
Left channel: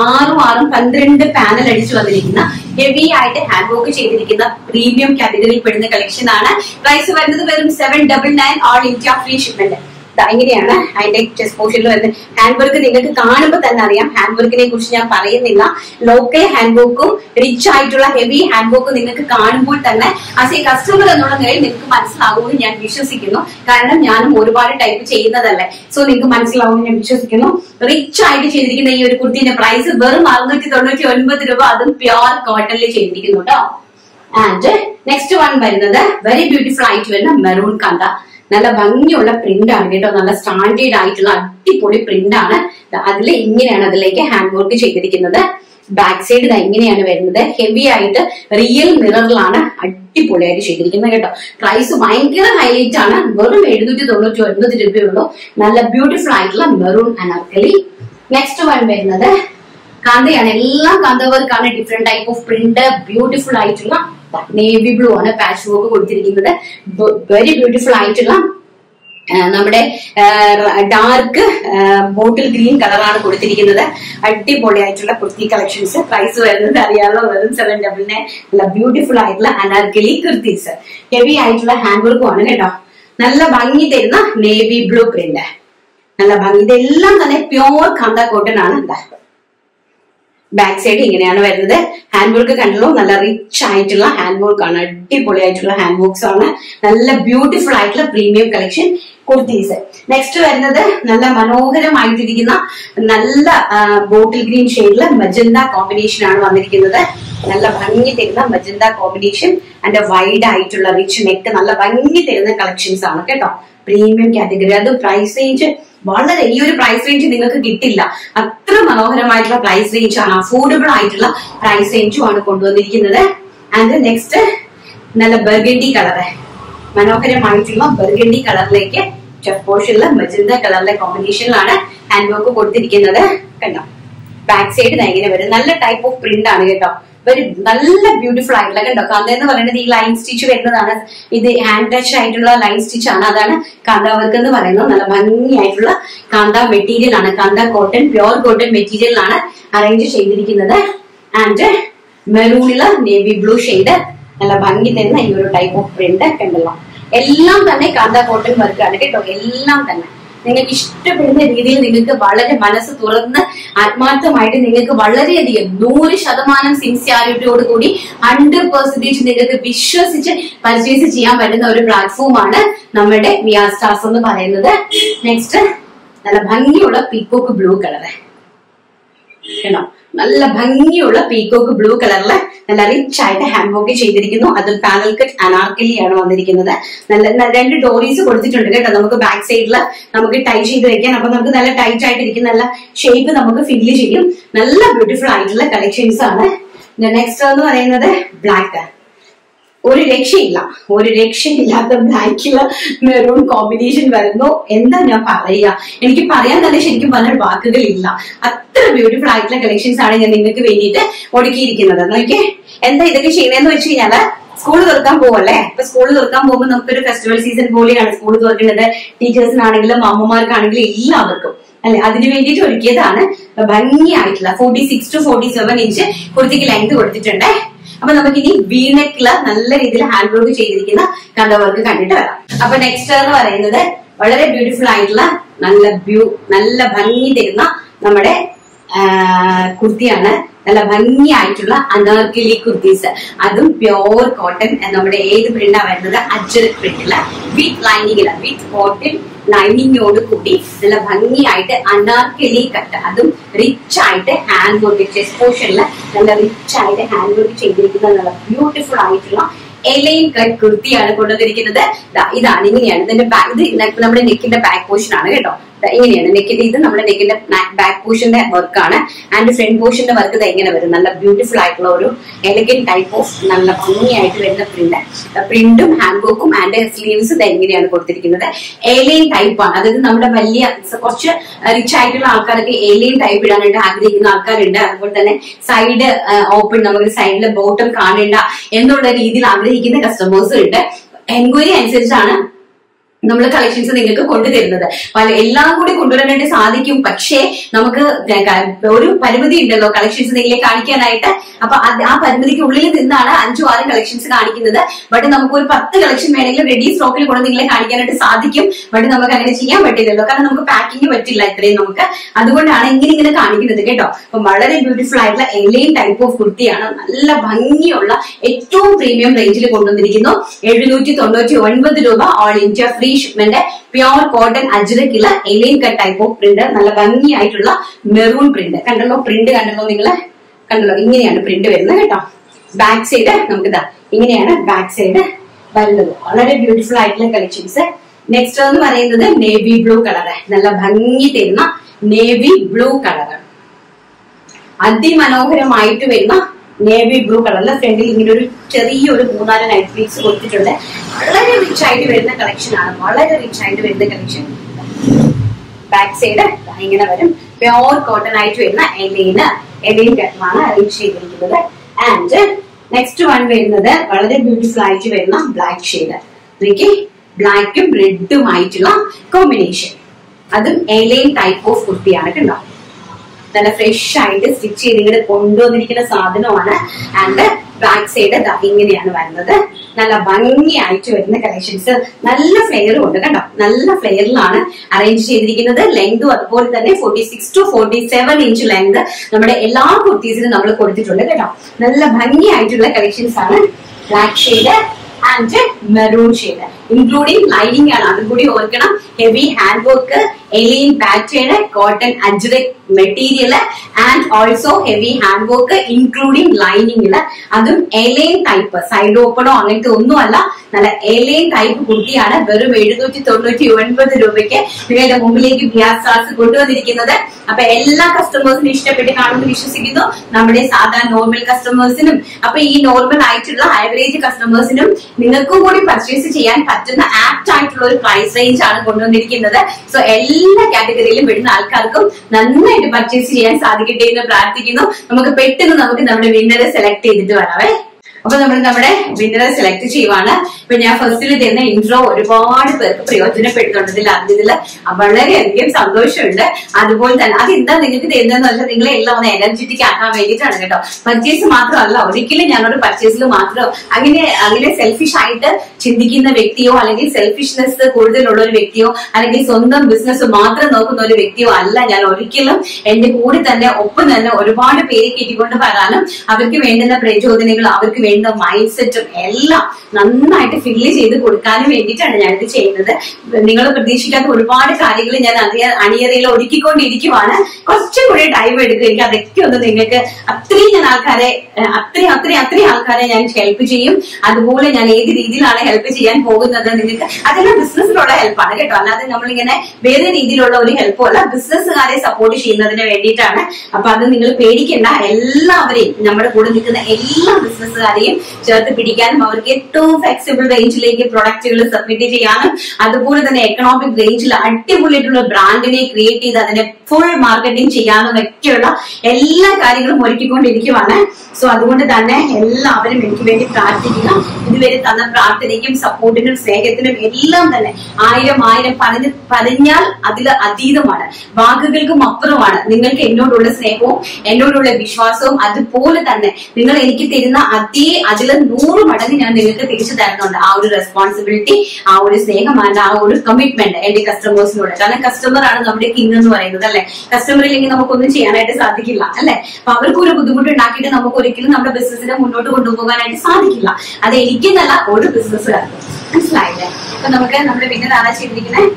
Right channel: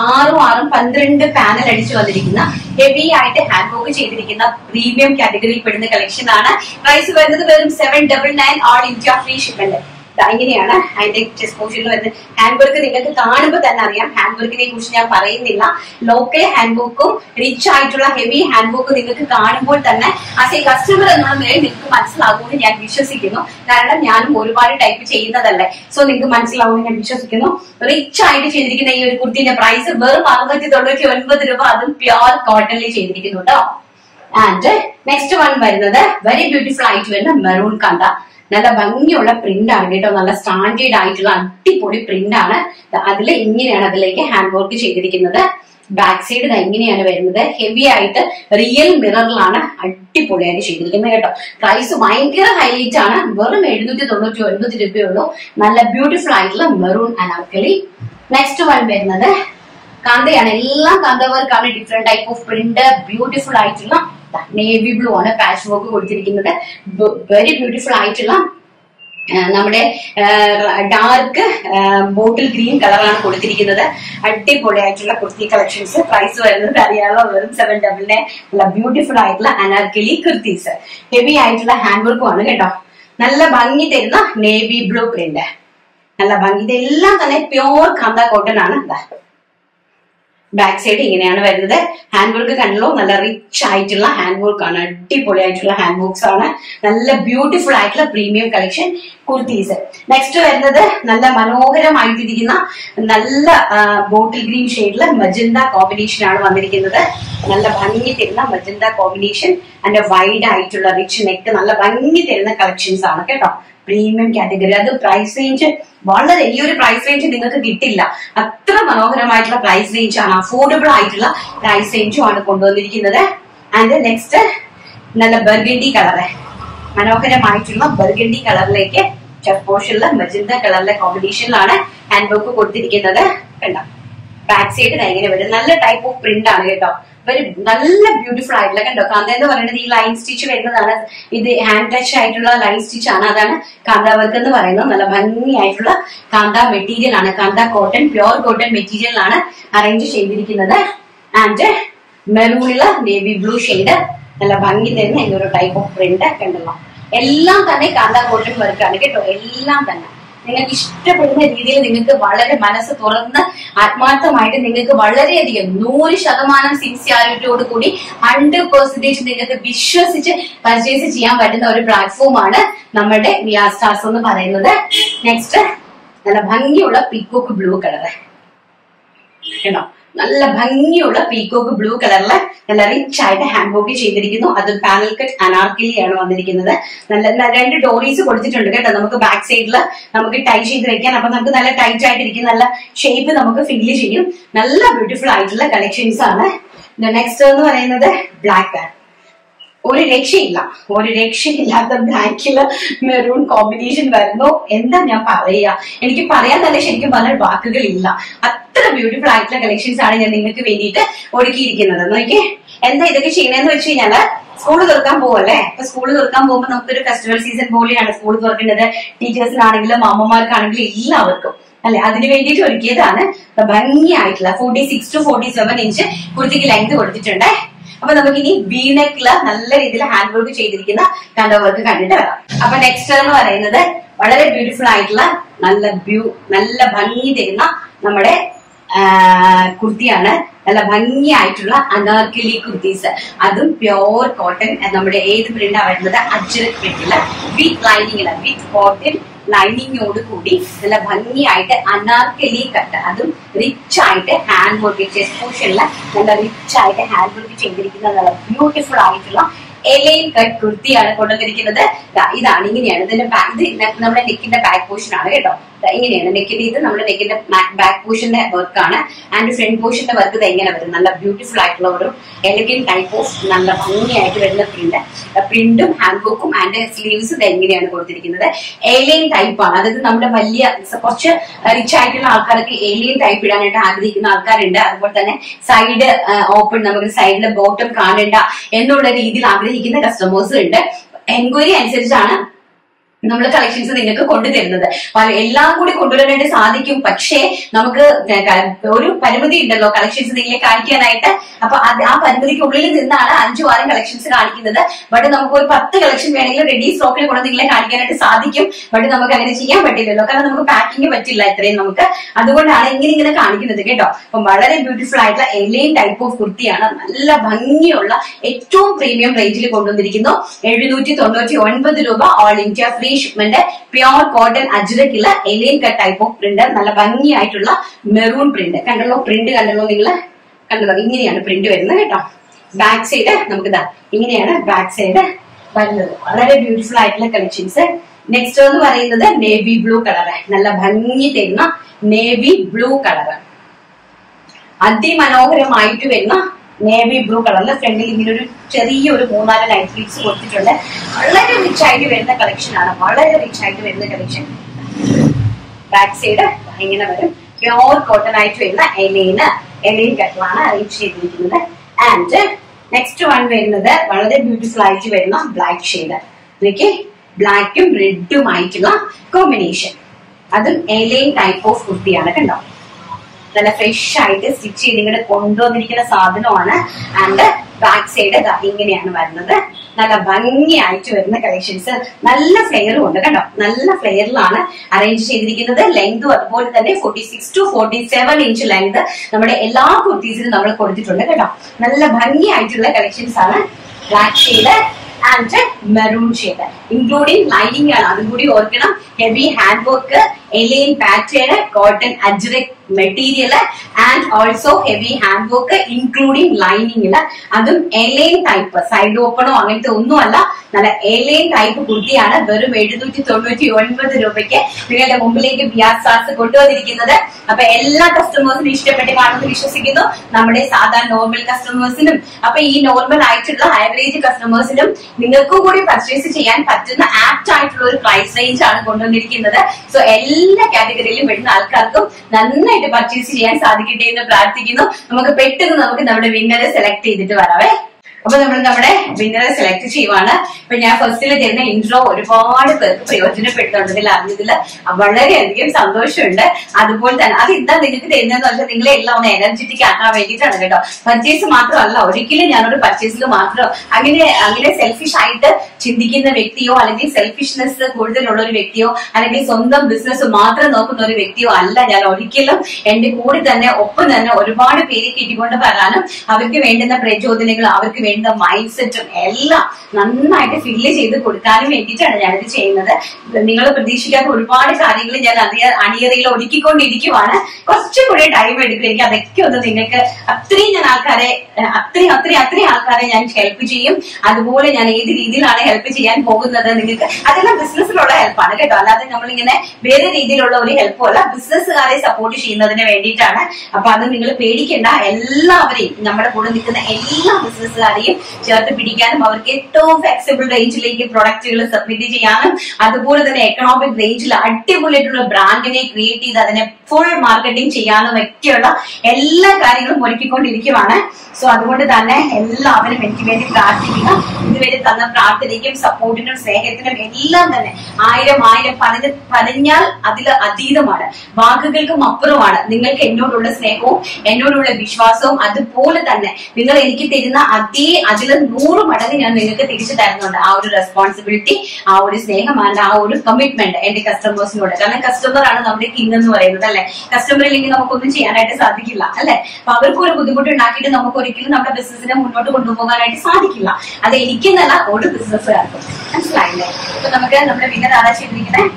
6 12 പാനൽ അടിച്ചു വന്നിരിക്കുന്ന ഹെവി ആയിട്ട് ഹാൻഡ് വർക്ക് ചെയ്തിരിക്കുന്ന പ്രീമിയം കാറ്റഗറിയിൽ പെടുന്ന കളക്ഷൻ ആണ്. പ്രൈസ് വരുന്നത് വെറും 799 ഓൾ ഇന്ത്യ ഫ്രീ ഷിപ്മെന്റ്. ഇങ്ങനെയാണ് അതിന്റെ ചെസ്റ്റ് പോർഷനിൽ വരുന്നത്. ഹാൻഡ് വർക്ക് നിങ്ങൾക്ക് കാണുമ്പോൾ തന്നെ അറിയാം. ഹാൻഡ് വർക്കിനെ കുറിച്ച് ഞാൻ പറയുന്നില്ല. ലോക്കൽ ഹാൻഡ് വർക്കും റിച്ച് ആയിട്ടുള്ള ഹെവി ഹാൻഡ് വർക്കും നിങ്ങൾക്ക് കാണുമ്പോൾ തന്നെ ആസ് എ കസ്റ്റമർ എന്നുള്ള നിലയിൽ നിങ്ങൾക്ക് മനസ്സിലാകുമെന്ന് ഞാൻ വിശ്വസിക്കുന്നു. കാരണം ഞാനും ഒരുപാട് ടൈപ്പ് ചെയ്യുന്നതല്ലേ. സോ നിങ്ങൾക്ക് മനസ്സിലാവുമെന്ന് ഞാൻ വിശ്വസിക്കുന്നു. റിച്ച് ആയിട്ട് ചെയ്തിരിക്കുന്ന ഈ ഒരു കുർത്തിന്റെ പ്രൈസ് വെറും 699 രൂപ. അതും പ്യോർ കോട്ടണിൽ ചെയ്തിരിക്കുന്നു കേട്ടോ. ആൻഡ് നെക്സ്റ്റ് വൺ വരുന്നത് വെരി ബ്യൂട്ടിഫുൾ ആയിട്ട് വരുന്ന മെറൂൺ കാന്ത. നല്ല ഭംഗിയുള്ള പ്രിന്റ് ആണ് കേട്ടോ. നല്ല സ്റ്റാൻഡേർഡ് ആയിട്ടുള്ള അടിപൊളി പ്രിന്റ് ആണ്. അതിൽ ഇങ്ങനെയാണ് അതിലേക്ക് ഹാൻഡ് വർക്ക് ചെയ്തിരിക്കുന്നത്. ബാക്ക് സൈഡ് ഇങ്ങനെയാണ് വരുന്നത്. ഹെവി ആയിട്ട് റിയൽ മിററിലാണ് അടിപൊളിയായിട്ട് ചെയ്തിരിക്കുന്നത് കേട്ടോ. പ്രൈസ് ഭയങ്കര ഹൈലൈറ്റ് ആണ്. വെറും 799 രൂപയുള്ളൂ. നല്ല ബ്യൂട്ടിഫുൾ ആയിട്ടുള്ള മെറൂൺ അനാർക്കലി. നെക്സ്റ്റ് വൺ വരുന്നത് കാന്തയാണ്. എല്ലാം കാന്ത വർക്കാണ്. Different type of print. Beautiful ആയിട്ടുള്ള നേവി ബ്ലൂ ആണ് പാച്ച് വർക്ക് കൊടുത്തിരിക്കുന്നത്. വെരി ബ്യൂട്ടിഫുൾ ആയിട്ടുള്ള നമ്മുടെ ഡാർക്ക് ബോട്ടിൽ ഗ്രീൻ കളറാണ് കൊടുത്തിരിക്കുന്നത്. അടിപൊളിയായിട്ടുള്ള കുർത്തി കളക്ഷൻസ്. പ്രൈസ് വരുന്നത് അറിയാലോ, വെറും 799. നല്ല ബ്യൂട്ടിഫുൾ ആയിട്ടുള്ള അനാർക്കലി കുർത്തീസ്. ഹെവി ആയിട്ടുള്ള ഹാൻഡ് വർക്കും ആണ് കേട്ടോ. നല്ല ഭംഗി തരുന്ന നേവി ബ്ലൂ പ്രിന്റ്. നല്ല ഭംഗി. ഇതെല്ലാം തന്നെ പ്യോർ കാന്ത കോട്ടൺ ആണ്. ബാക്ക് സൈഡ് ഇങ്ങനെയാണ് വരുന്നത്. ഹാൻഡ് വർക്ക് കണ്ടല്ലോ, നല്ല റിച്ച് ആയിട്ടുള്ള ഹാൻഡ് വർക്ക് ആണ്. അടിപൊളിയായിട്ടുള്ള ഹാൻഡ് വർക്ക്സ് ആണ്. നല്ല ബ്യൂട്ടിഫുൾ ആയിട്ടുള്ള പ്രീമിയം കളക്ഷൻ കുർത്തീസ്. നെക്സ്റ്റ് വരുന്നത് നല്ല മനോഹരമായിട്ടിരിക്കുന്ന നല്ല ബോട്ടിൽ ഗ്രീൻ ഷെയ്ഡില് മജന്ത കോമ്പിനേഷൻ ആണ് വന്നിരിക്കുന്നത്. നല്ല ഭംഗി തരുന്ന മജന്ത കോമ്പിനേഷൻ ആൻഡ് വൈഡ് ആയിട്ടുള്ള റിച്ച് നെക്ക്. നല്ല ഭംഗി തരുന്ന കളക്ഷൻസ് ആണ് കേട്ടോ. Premium category. അത് പ്രൈസ് റേഞ്ച് വളരെ, ഈ ഒരു പ്രൈസ് റേഞ്ച് നിങ്ങൾക്ക് കിട്ടില്ല. അത്ര മനോഹരമായിട്ടുള്ള പ്രൈസ് റേഞ്ച് ആണ്. അഫോർഡബിൾ ആയിട്ടുള്ള പ്രൈസ് റേഞ്ചും ആണ് കൊണ്ടുവന്നിരിക്കുന്നത്. ആൻഡ് നെക്സ്റ്റ് നല്ല ബർഗണ്ടി കളറ്. മനോഹരമായിട്ടുള്ള ബർഗണ്ടി കളറിലേക്ക് ചെസ്റ്റ് പോർഷനില് മജന്ത കളറിലെ കോമ്പിനേഷനിലാണ് ഹാൻഡ് വർക്ക് കൊടുത്തിരിക്കുന്നത്. കണ്ടോ, ബാക്ക് സൈഡ് ഇങ്ങനെ വരും. നല്ല ടൈപ്പ് ഓഫ് പ്രിന്റ് ആണ് കേട്ടോ. വെരി നല്ല ബ്യൂട്ടിഫുൾ ആയിട്ടുള്ള കണ്ടോ. കാന്ത എന്ന് പറയുന്നത് ഈ ലൈൻ സ്റ്റിച്ച് വരുന്നതാണ്. ഇത് ഹാൻഡ് ടച്ച് ആയിട്ടുള്ള ലൈൻ സ്റ്റിച്ച് ആണ്. അതാണ് കാന്ത വർക്ക് എന്ന് പറയുന്നത്. നല്ല ഭംഗിയായിട്ടുള്ള കാന്ത മെറ്റീരിയൽ ആണ്. കാന്ത കോട്ടൺ, പ്യോർ കോട്ടൺ മെറ്റീരിയലാണ് അറേഞ്ച് ചെയ്തിരിക്കുന്നത്. ആൻഡ് മെറൂണില് നേവി ബ്ലൂ ഷെയ്ഡ്. നല്ല ഭംഗി തരുന്ന ഈ ഒരു ടൈപ്പ് ഓഫ് പ്രിന്റ് കണ്ടല്ലോ. എല്ലാം തന്നെ കാന്ത കോട്ടൺ വർക്കാണ് കേട്ടോ. എല്ലാം തന്നെ നിങ്ങൾക്ക് ഇഷ്ടപ്പെടുന്ന രീതിയിൽ നിങ്ങൾക്ക് വളരെ മനസ്സ് തുറന്ന് ആത്മാർത്ഥമായിട്ട് നിങ്ങൾക്ക് വളരെയധികം 100% സിൻസിയാരിറ്റിയോട് കൂടി 100% നിങ്ങൾക്ക് വിശ്വസിച്ച് പർച്ചേസ് ചെയ്യാൻ പറ്റുന്ന ഒരു പ്ലാറ്റ്ഫോമാണ് നമ്മുടെ മിയ സ്റ്റാർസ് എന്ന് പറയുന്നത്. നെക്സ്റ്റ് നല്ല ഭംഗിയുള്ള പീക്കോക്ക് ബ്ലൂ കളറ് കേട്ടോ. നല്ല ഭംഗിയുള്ള പീക്കോക്ക് ബ്ലൂ കളറില് നല്ല റിച്ച് ആയിട്ട് ഹാൻഡ് വർക്ക് ചെയ്തിരിക്കുന്നു. അത് പാനൽ കട്ട് അനാർക്കലി ആണ് വന്നിരിക്കുന്നത്. നല്ല 2 ഡോറീസ് കൊടുത്തിട്ടുണ്ട് കേട്ടോ. നമുക്ക് ബാക്ക് സൈഡില് നമുക്ക് ടൈ ചെയ്ത് വെക്കാൻ. അപ്പൊ നമുക്ക് നല്ല ടൈറ്റ് ആയിട്ടിരിക്കും. നല്ല ഷേപ്പ് നമുക്ക് ഫില്ല് ചെയ്യും. നല്ല ബ്യൂട്ടിഫുൾ ആയിട്ടുള്ള കളക്ഷൻസ് ആണ്. നെക്സ്റ്റ് എന്ന് പറയുന്നത് ബ്ലാക്ക്. ഒരു രക്ഷയില്ലാത്ത ബ്ലാക്കില് മെറൂൺ കോമ്പിനേഷൻ വരുന്നു. എന്താ ഞാൻ പറയാ, എനിക്ക് പറയാൻ തന്നെ ശരിക്കും പറഞ്ഞാൽ വാക്കുകളില്ല. അത്ര ബ്യൂട്ടിഫുൾ ആയിട്ടുള്ള കളക്ഷൻസ് ആണ് ഞാൻ നിങ്ങൾക്ക് വേണ്ടിയിട്ട് ഒരുക്കിയിരിക്കുന്നത്. നോക്കിയേ, എന്താ ഇതൊക്കെ ചെയ്യണമെന്ന് വെച്ച് കഴിഞ്ഞാല് സ്കൂൾ തുറക്കാൻ പോവല്ലേ. അപ്പൊ സ്കൂൾ തുറക്കാൻ പോകുമ്പോൾ നമുക്കൊരു ഫെസ്റ്റിവൽ സീസൺ പോലെയാണ് സ്കൂൾ തുറക്കേണ്ടത്. ടീച്ചേഴ്സിനാണെങ്കിലും അമ്മമാർക്കാണെങ്കിലും എല്ലാവർക്കും അല്ലെ. അതിന് വേണ്ടിയിട്ട് ഒരുക്കിയതാണ്. ഭംഗിയായിട്ടുള്ള 46 to 47 ഇഞ്ച് കുർത്തിക്ക് ലെങ്ത് കൊടുത്തിട്ടുണ്ട്. അപ്പൊ നമുക്കിനി വീണക്കില് നല്ല രീതിയിൽ ഹാൻഡ് വർക്ക് ചെയ്തിരിക്കുന്ന കണ്ടോ വർക്ക് കണ്ടിട്ട് വരാം. അപ്പൊ നെക്സ്റ്റ് എന്ന് പറയുന്നത് വളരെ ബ്യൂട്ടിഫുൾ ആയിട്ടുള്ള നല്ല ഭംഗി തരുന്ന നമ്മുടെ കുർത്തിയാണ്. നല്ല ഭംഗിയായിട്ടുള്ള അനാർക്കലി കുർത്തീസ്, അതും പ്യോർ കോട്ടൺ. നമ്മുടെ ഏത് പ്രിന്റാ വരുന്നത്? അജ്രക് പ്രിന്റില് വിത്ത് ലൈനിങ്ങില്, വിത്ത് കോട്ടൺ ലൈനിങ്ങോട് കൂടി നല്ല ഭംഗിയായിട്ട് അനാർക്കലി കട്ട്, അതും റിച്ച് ആയിട്ട് ഹാൻഡ് വർക്ക്, ചെസ്റ്റ് പോർഷനില് നല്ല റിച്ച് ആയിട്ട് ഹാൻഡ് വർക്ക് ചെയ്തിരിക്കുന്ന നല്ല ബ്യൂട്ടിഫുൾ ആയിട്ടുള്ള എലൈൻ കട്ട് കുർത്തിയാണ് കൊണ്ടുവന്നിരിക്കുന്നത്. ഇതാണ്, ഇങ്ങനെയാണ് ഇതിന്റെ ഇത് നമ്മുടെ നെക്കിന്റെ ബാക്ക് പോർഷൻ ആണ് കേട്ടോ. ഇങ്ങനെയാണ് നെക്കിന്റെ, ഇത് നമ്മുടെ നെക്കിന്റെ ബാക്ക് പോർഷന്റെ വർക്കാണ്. ആൻഡ് ഫ്രണ്ട് പോർഷന്റെ വർക്ക് ഇത് എങ്ങനെ വരും? നല്ല ബ്യൂട്ടിഫുൾ ആയിട്ടുള്ള ഒരു എലഗന്റ് ടൈപ്പ് ഓഫ് നല്ല ഭംഗിയായിട്ട് വരുന്ന പ്രിന്റും ഹാൻഡ് വർക്കും ആൻഡ് സ്ലീവ്സ് ഇത് എങ്ങനെയാണ് കൊടുത്തിരിക്കുന്നത്? എലൈൻ ടൈപ്പ് ആണ്. അതായത് നമ്മുടെ വലിയ കുറച്ച് റിച്ച് ആയിട്ടുള്ള ആൾക്കാർക്ക് എലൈൻ ടൈപ്പ് ഇടാനായിട്ട് ആഗ്രഹിക്കുന്ന ആൾക്കാരുണ്ട്. അതുപോലെ തന്നെ സൈഡ് ഓപ്പൺ, നമുക്ക് സൈഡിലെ ബോട്ടം കാണേണ്ട എന്നുള്ള രീതിയിൽ ആഗ്രഹിക്കുന്ന കസ്റ്റമേഴ്സും ഉണ്ട്. എൻക്വയറി അനുസരിച്ചാണ് നമ്മൾ കളക്ഷൻസ് നിങ്ങൾക്ക് കൊണ്ടുതരുന്നത്. എല്ലാം കൂടി കൊണ്ടുവരാനായിട്ട് സാധിക്കും, പക്ഷേ നമുക്ക് ഒരു പരിമിതി ഉണ്ടല്ലോ കളക്ഷൻസ് നിങ്ങളെ കാണിക്കാനായിട്ട്. അപ്പൊ ആ പരിമിതിക്ക് ഉള്ളിൽ നിന്നാണ് 5-6 കളക്ഷൻസ് കാണിക്കുന്നത്. ബട്ട് നമുക്ക് ഒരു 10 കളക്ഷൻ വേണമെങ്കിൽ റെഡി സ്റ്റോക്കിൽ കൊണ്ട് നിങ്ങളെ കാണിക്കാനായിട്ട് സാധിക്കും. ബട്ട് നമുക്ക് അങ്ങനെ ചെയ്യാൻ പറ്റില്ലല്ലോ, കാരണം നമുക്ക് പാക്കിംഗ് പറ്റില്ല ഇത്രയും നമുക്ക്. അതുകൊണ്ടാണ് ഇങ്ങനെ കാണിക്കുന്നത് കേട്ടോ. അപ്പൊ വളരെ ബ്യൂട്ടിഫുൾ ആയിട്ടുള്ള എലൈൻ ടൈപ്പ് ഓഫ് കുർത്തിയാണ്. നല്ല ഭംഗിയുള്ള ഏറ്റവും പ്രീമിയം റേഞ്ചിൽ കൊണ്ടുവന്നിരിക്കുന്നു. 799 രൂപ all India free shipment. Pure cotton അജ്രക്കില് A line cut type of print, നല്ല ഭംഗിയായിട്ടുള്ള മെറൂൺ പ്രിന്റ്. കണ്ടല്ലോ പ്രിന്റ്, കണ്ടല്ലോ നിങ്ങള് കണ്ടല്ലോ, ഇങ്ങനെയാണ് പ്രിന്റ് വരുന്നത് കേട്ടോ. ബാക്ക് സൈഡ് നമുക്കിതാ ഇങ്ങനെയാണ് ബാക്ക് സൈഡ് വരുന്നത്. വളരെ ബ്യൂട്ടിഫുൾ ആയിട്ടുള്ള കളക്ഷൻസ്. നെക്സ്റ്റ് എന്ന് പറയുന്നത് നേവി ബ്ലൂ കളറ്, നല്ല ഭംഗി തരുന്ന നേവി ബ്ലൂ കളറ്, അതിമനോഹരമായിട്ട് വരുന്ന നേവി ബ്ലൂ കളറിൽ ഫ്രണ്ടിൽ ഇങ്ങനെ ഒരു ചെറിയൊരു 3-4 നൈറ്റ് പ്ലീറ്റ്സ് കൊടുത്തിട്ടുണ്ട്. വളരെ റിച്ച് ആയിട്ട് വരുന്ന കളക്ഷൻ ആണ്, വളരെ റിച്ച് ആയിട്ട് വരുന്ന കളക്ഷൻ. ബാക്ക് സൈഡ് ഇങ്ങനെ വരും. പ്യോർ കോട്ടൺ ആയിട്ട് വരുന്ന എലൈൻ കട്ടിലാണ് അറേഞ്ച് ചെയ്തിരിക്കുന്നത്. ആൻഡ് നെക്സ്റ്റ് വൺ വരുന്നത് വളരെ ബ്യൂട്ടിഫുൾ ആയിട്ട് വരുന്ന ബ്ലാക്ക് ഷെയ്ഡ്. എനിക്ക് ബ്ലാക്കും റെഡും ആയിട്ടുള്ള കോമ്പിനേഷൻ, അതും എലൈൻ ടൈപ്പ് ഓഫ് കുർത്തിയാണ് കണ്ടോ. നല്ല ഫ്രഷ് ആയിട്ട് സ്റ്റിച്ച് ചെയ്ത് ഇങ്ങോട്ട് കൊണ്ടുവന്നിരിക്കുന്ന സാധനമാണ്. ആൻഡ് ബാക്ക് സൈഡ് ഇങ്ങനെയാണ് വരുന്നത്. നല്ല ഭംഗിയായിട്ട് വരുന്ന കളക്ഷൻസ്. നല്ല ഫ്ലെയറും ഉണ്ട് കേട്ടോ, നല്ല ഫ്ലെയറിലാണ് അറേഞ്ച് ചെയ്തിരിക്കുന്നത്. ലെങ്തും അതുപോലെ തന്നെ 46 to 47 ഇഞ്ച് ലെങ്ത് നമ്മുടെ എല്ലാ കുർത്തീസിനും നമ്മൾ കൊടുത്തിട്ടുണ്ട് കേട്ടോ. നല്ല ഭംഗിയായിട്ടുള്ള കളക്ഷൻസ് ആണ്. Black shade and maroon shade, including lining ആണ്, അതും കൂടി ഓർക്കണം. Heavy hand work, A line pattern, cotton ajrak material and also heavy hand work including ലൈനിങ്ങില്, അതും എലൈൻ ടൈപ്പ്, സൈഡ് ഓപ്പണോ അങ്ങനത്തെ ഒന്നുമല്ല, നല്ല എലൈൻ ടൈപ്പ് കുർത്തിയാണ്. വെറും 799 രൂപയ്ക്ക് നിങ്ങളുടെ മുമ്പിലേക്ക് ബിയാസാസ് കൊണ്ടുവന്നിരിക്കുന്നത്. അപ്പൊ എല്ലാ കസ്റ്റമേഴ്സിനും ഇഷ്ടപ്പെട്ട് കാണുമെന്ന് വിശ്വസിക്കുന്നു, നമ്മുടെ സാധാരണ നോർമൽ കസ്റ്റമേഴ്സിനും. അപ്പൊ ഈ നോർമൽ ആയിട്ടുള്ള ആവറേജ് കസ്റ്റമേഴ്സിനും നിങ്ങൾക്കും കൂടി പർച്ചേസ് ചെയ്യാൻ പറ്റുന്ന ആപ്റ്റ് ആയിട്ടുള്ള ഒരു പ്രൈസ് റേഞ്ച് ആണ് കൊണ്ടുവന്നിരിക്കുന്നത്. സോ എല്ലാ കാറ്റഗറിയിലും വരുന്ന ആൾക്കാർക്കും നന്നായിട്ട് പർച്ചേസ് ചെയ്യാൻ സാധിക്കട്ടെ എന്ന് പ്രാർത്ഥിക്കുന്നു. നമുക്ക് പെട്ടെന്ന് നമ്മുടെ വിന്നറെ സെലക്ട് ചെയ്തിട്ട് വരാവേ. അപ്പൊ നമ്മൾ നമ്മുടെ വിന്നറെ സെലക്ട് ചെയ്യുവാണ്. ഇപ്പൊ ഞാൻ ഫസ്റ്റിൽ തരുന്ന ഇൻട്രോ ഒരുപാട് പേർക്ക് പ്രയോജനപ്പെടുന്നുണ്ടതിൽ അറിഞ്ഞതില് വളരെയധികം സന്തോഷമുണ്ട്. അതുപോലെ തന്നെ അത് എന്താ നിങ്ങൾക്ക് തരുന്നതെന്ന് വെച്ചാൽ നിങ്ങളെ എല്ലാം ഒന്ന് എനർജറ്റിക് ആക്കാൻ വേണ്ടിയിട്ടാണ് കേട്ടോ. പർച്ചേസ് മാത്രമല്ല, ഒരിക്കലും ഞാനൊരു പർച്ചേസിൽ മാത്രം അങ്ങനെ സെൽഫിഷ് ആയിട്ട് ചിന്തിക്കുന്ന വ്യക്തിയോ അല്ലെങ്കിൽ സെൽഫിഷ്നെസ് കൂടുതലുള്ള ഒരു വ്യക്തിയോ അല്ലെങ്കിൽ സ്വന്തം ബിസിനസ് മാത്രം നോക്കുന്ന ഒരു വ്യക്തിയോ അല്ല ഞാൻ ഒരിക്കലും. എന്റെ കൂടെ തന്നെ ഒപ്പം തന്നെ ഒരുപാട് പേര് കെട്ടിക്കൊണ്ട് വരാനും അവർക്ക് വേണ്ടുന്ന പ്രചോദനങ്ങളും അവർക്ക് വേണ്ടുന്ന മൈൻഡ് സെറ്റും എല്ലാം നന്നായിട്ട് ഫില്ല് ചെയ്ത് കൊടുക്കാനും വേണ്ടിയിട്ടാണ് ഞാനിത് ചെയ്യുന്നത്. നിങ്ങൾ പ്രതീക്ഷിക്കാത്ത ഒരുപാട് കാര്യങ്ങൾ ഞാൻ അണിയറയിൽ ഒരുക്കിക്കൊണ്ടിരിക്കുവാണ്. കുറച്ചും കൂടെ ടൈം എടുക്കും. എനിക്ക് അതൊക്കെ ഒന്ന് നിങ്ങൾക്ക് അത്രയും ഞാൻ ആൾക്കാരെ അത്രയും ആൾക്കാരെ ഞാൻ ഹെൽപ്പ് ചെയ്യും. അതുപോലെ ഞാൻ ഏത് രീതിയിലാണ് ഹെൽപ്പ് ചെയ്യാൻ പോകുന്നത് നിങ്ങൾക്ക് അതെല്ലാം ബിസിനസ്സിലുള്ള ഹെൽപ്പാണ് കേട്ടോ. അല്ലാതെ നമ്മളിങ്ങനെ വേറെ രീതിയിലുള്ള ഒരു ഹെൽപ്പും അല്ല, ബിസിനസ്സുകാരെ സപ്പോർട്ട് ചെയ്യുന്നതിന് വേണ്ടിയിട്ടാണ്. അപ്പൊ അത് നിങ്ങൾ പേടിക്കേണ്ട. എല്ലാവരെയും നമ്മുടെ കൂടെ നിൽക്കുന്ന എല്ലാ ബിസിനസ്സുകാരെയും ചേർത്ത് പിടിക്കാനും അവർക്ക് ഏറ്റവും ഫ്ലെക്സിബിൾ റേഞ്ചിലേക്ക് പ്രൊഡക്റ്റുകൾ സബ്മിറ്റ് ചെയ്യാനും അതുപോലെ തന്നെ എക്കണോമിക് റേഞ്ചിൽ അടിപൊളിയായിട്ടുള്ള ബ്രാൻഡിനെ ക്രിയേറ്റ് ചെയ്ത് അതിനെ ഫുൾ മാർക്കറ്റിംഗ് ചെയ്യാനും ഒക്കെയുള്ള എല്ലാ കാര്യങ്ങളും ഒരുക്കിക്കൊണ്ടിരിക്കുവാണ്. സോ അതുകൊണ്ട് തന്നെ എല്ലാവരും എനിക്ക് വേണ്ടി പ്രാർത്ഥിക്കുക. ഇതുവരെ തന്ന പ്രാർത്ഥനയ്ക്ക് പ്രാർത്ഥനയ്ക്കും സപ്പോർട്ടിനും സ്നേഹത്തിനും എല്ലാം തന്നെ ആയിരം പറഞ്ഞാൽ അതിൽ അതീതമാണ്, വാക്കുകൾക്കും അപ്പുറമാണ് നിങ്ങൾക്ക് എന്നോടുള്ള സ്നേഹവും എന്നോടുള്ള വിശ്വാസവും. അതുപോലെ തന്നെ നിങ്ങൾ എനിക്ക് തരുന്ന അതിൽ 100 മടങ്ങ് ഞാൻ നിങ്ങൾക്ക് തിരിച്ചു തരുന്നുണ്ട്. ആ ഒരു റെസ്പോൺസിബിലിറ്റി, ആ ഒരു സ്നേഹമാണ്, ആ ഒരു കമ്മിറ്റ്മെന്റ് എന്റെ കസ്റ്റമേഴ്സിനോട്. കാരണം കസ്റ്റമർ ആണ് നമ്മുടെ കിങ് എന്ന് പറയുന്നത് അല്ലെ. കസ്റ്റമർ ഇല്ലെങ്കിൽ നമുക്കൊന്നും ചെയ്യാനായിട്ട് സാധിക്കില്ല അല്ലെ. അപ്പൊ അവർക്ക് ഒരു ബുദ്ധിമുട്ട് ഉണ്ടാക്കിയിട്ട് നമുക്ക് ഒരിക്കലും നമ്മുടെ ബിസിനസിനെ മുന്നോട്ട് കൊണ്ടുപോകാനായിട്ട് സാധിക്കില്ല. അത് എനിക്കെന്നല്ല ഒരു ബിസിനസ്സുകാർക്ക്. മനസ്സിലായില്ലേ? അപ്പൊ നമുക്ക് നമ്മുടെ വിന്നർ ആരാ ചെയ്തിരിക്കുന്നത്?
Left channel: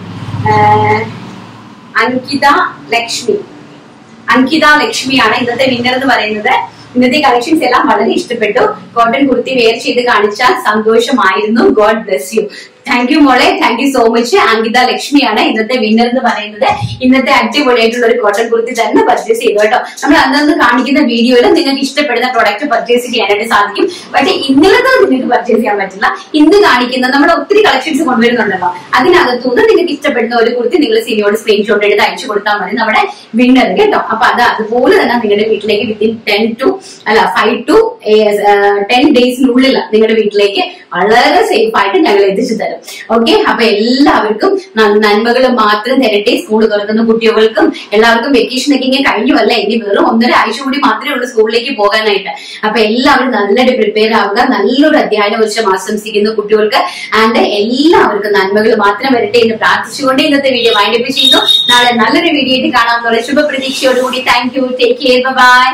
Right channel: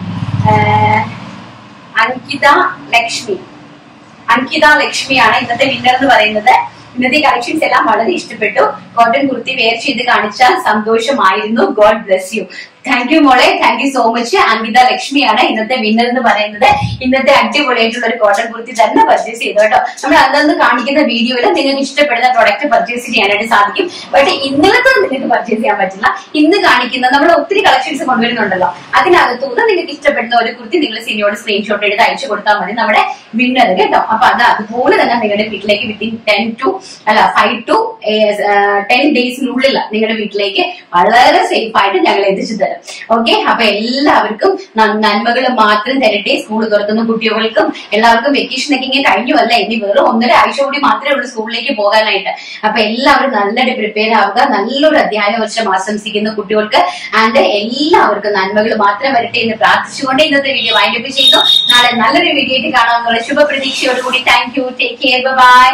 അങ്കിത ലക്ഷ്മിയാണ് ഇന്നത്തെ വിന്നർ എന്ന് പറയുന്നത്. ഇന്നത്തെ കളക്ഷൻസ് എല്ലാം വളരെ ഇഷ്ടപ്പെട്ടു. കോട്ടൺ കുർത്തി വെയർ ചെയ്ത് കാണിച്ചാൽ സന്തോഷമായിരുന്നു. God bless you. Thank you മോളെ, thank you so much. Ankitha ലക്ഷ്മിയാണ് ഇന്നത്തെ വിന്നർ എന്ന് പറയുന്നത്. ഇന്നത്തെ അടിപൊളിയായിട്ടുള്ള ഒരു കോട്ടൺ കുർത്തി തന്നെ പർച്ചേസ് ചെയ്തു കേട്ടോ. നമ്മൾ അന്നന്ന് കാണിക്കുന്ന വീഡിയോയിൽ നിങ്ങൾക്ക് ഇഷ്ടപ്പെടുന്ന പ്രൊഡക്റ്റ് പർച്ചേസ് ചെയ്യാനായിട്ട് സാധിക്കും. പക്ഷെ ഇന്നലത്തെ നിങ്ങൾക്ക് പർച്ചേസ് ചെയ്യാൻ പറ്റില്ല. ഇന്ന് കാണിക്കുന്ന നമ്മൾ ഒത്തിരി കളക്ഷൻസ് കൊണ്ടുവരുന്നുണ്ടല്ലോ, അതിനകത്തുനിന്ന് നിങ്ങൾക്ക് ഇഷ്ടപ്പെടുന്ന ഒരു കുർത്തി നിങ്ങൾ സിനിയോട് സ്ക്രീൻഷോട്ട് എടുത്ത് അയച്ചു കൊടുത്താൽ മതി നമ്മുടെ വിന്നർ കേട്ടോ. അപ്പൊ അത് അതുപോലെ തന്നെ നിങ്ങളുടെ വീട്ടിലേക്ക് വിത്തിൻ 5 to 10 ഡേയ്സിനുള്ളിൽ നിങ്ങളുടെ വീട്ടിലേക്ക് വളരെ സേഫ് ആയിട്ട് ഞങ്ങൾ എത്തിച്ചു തരും. ഓക്കെ, അപ്പൊ എല്ലാവർക്കും നന്മകൾ മാത്രം തരട്ടെ. സ്കൂൾ തുറക്കുന്ന കുട്ടികൾക്കും എല്ലാവർക്കും വെക്കേഷൻ ഒക്കെ ഇങ്ങനെ കഴിഞ്ഞുവല്ല, ഇനി വെറും 1.5 ആഴ്ച കൂടി മാത്രമേ ഉള്ളൂ സ്കൂളിലേക്ക് പോകാനായിട്ട്. അപ്പൊ എല്ലാവരും നല്ലൊരു പ്രിപ്പയർ ആവുക. നല്ലൊരു അധ്യയന വർഷം ആശംസിക്കുന്ന കുട്ടികൾക്ക് ആൻഡ് എല്ലാവർക്കും നന്മകൾ മാത്രം വരട്ടെ എന്ന് പ്രാർത്ഥിച്ചുകൊണ്ട് ഇന്നത്തെ വീഡിയോ വൈൻഡപ്പ് ചെയ്യുന്നു. നാളെ നല്ലൊരു വീഡിയോ ആയിട്ട് കാണാമെന്നുള്ള ശുഭപ്രതീക്ഷയോടുകൂടി thank you. Take care. By.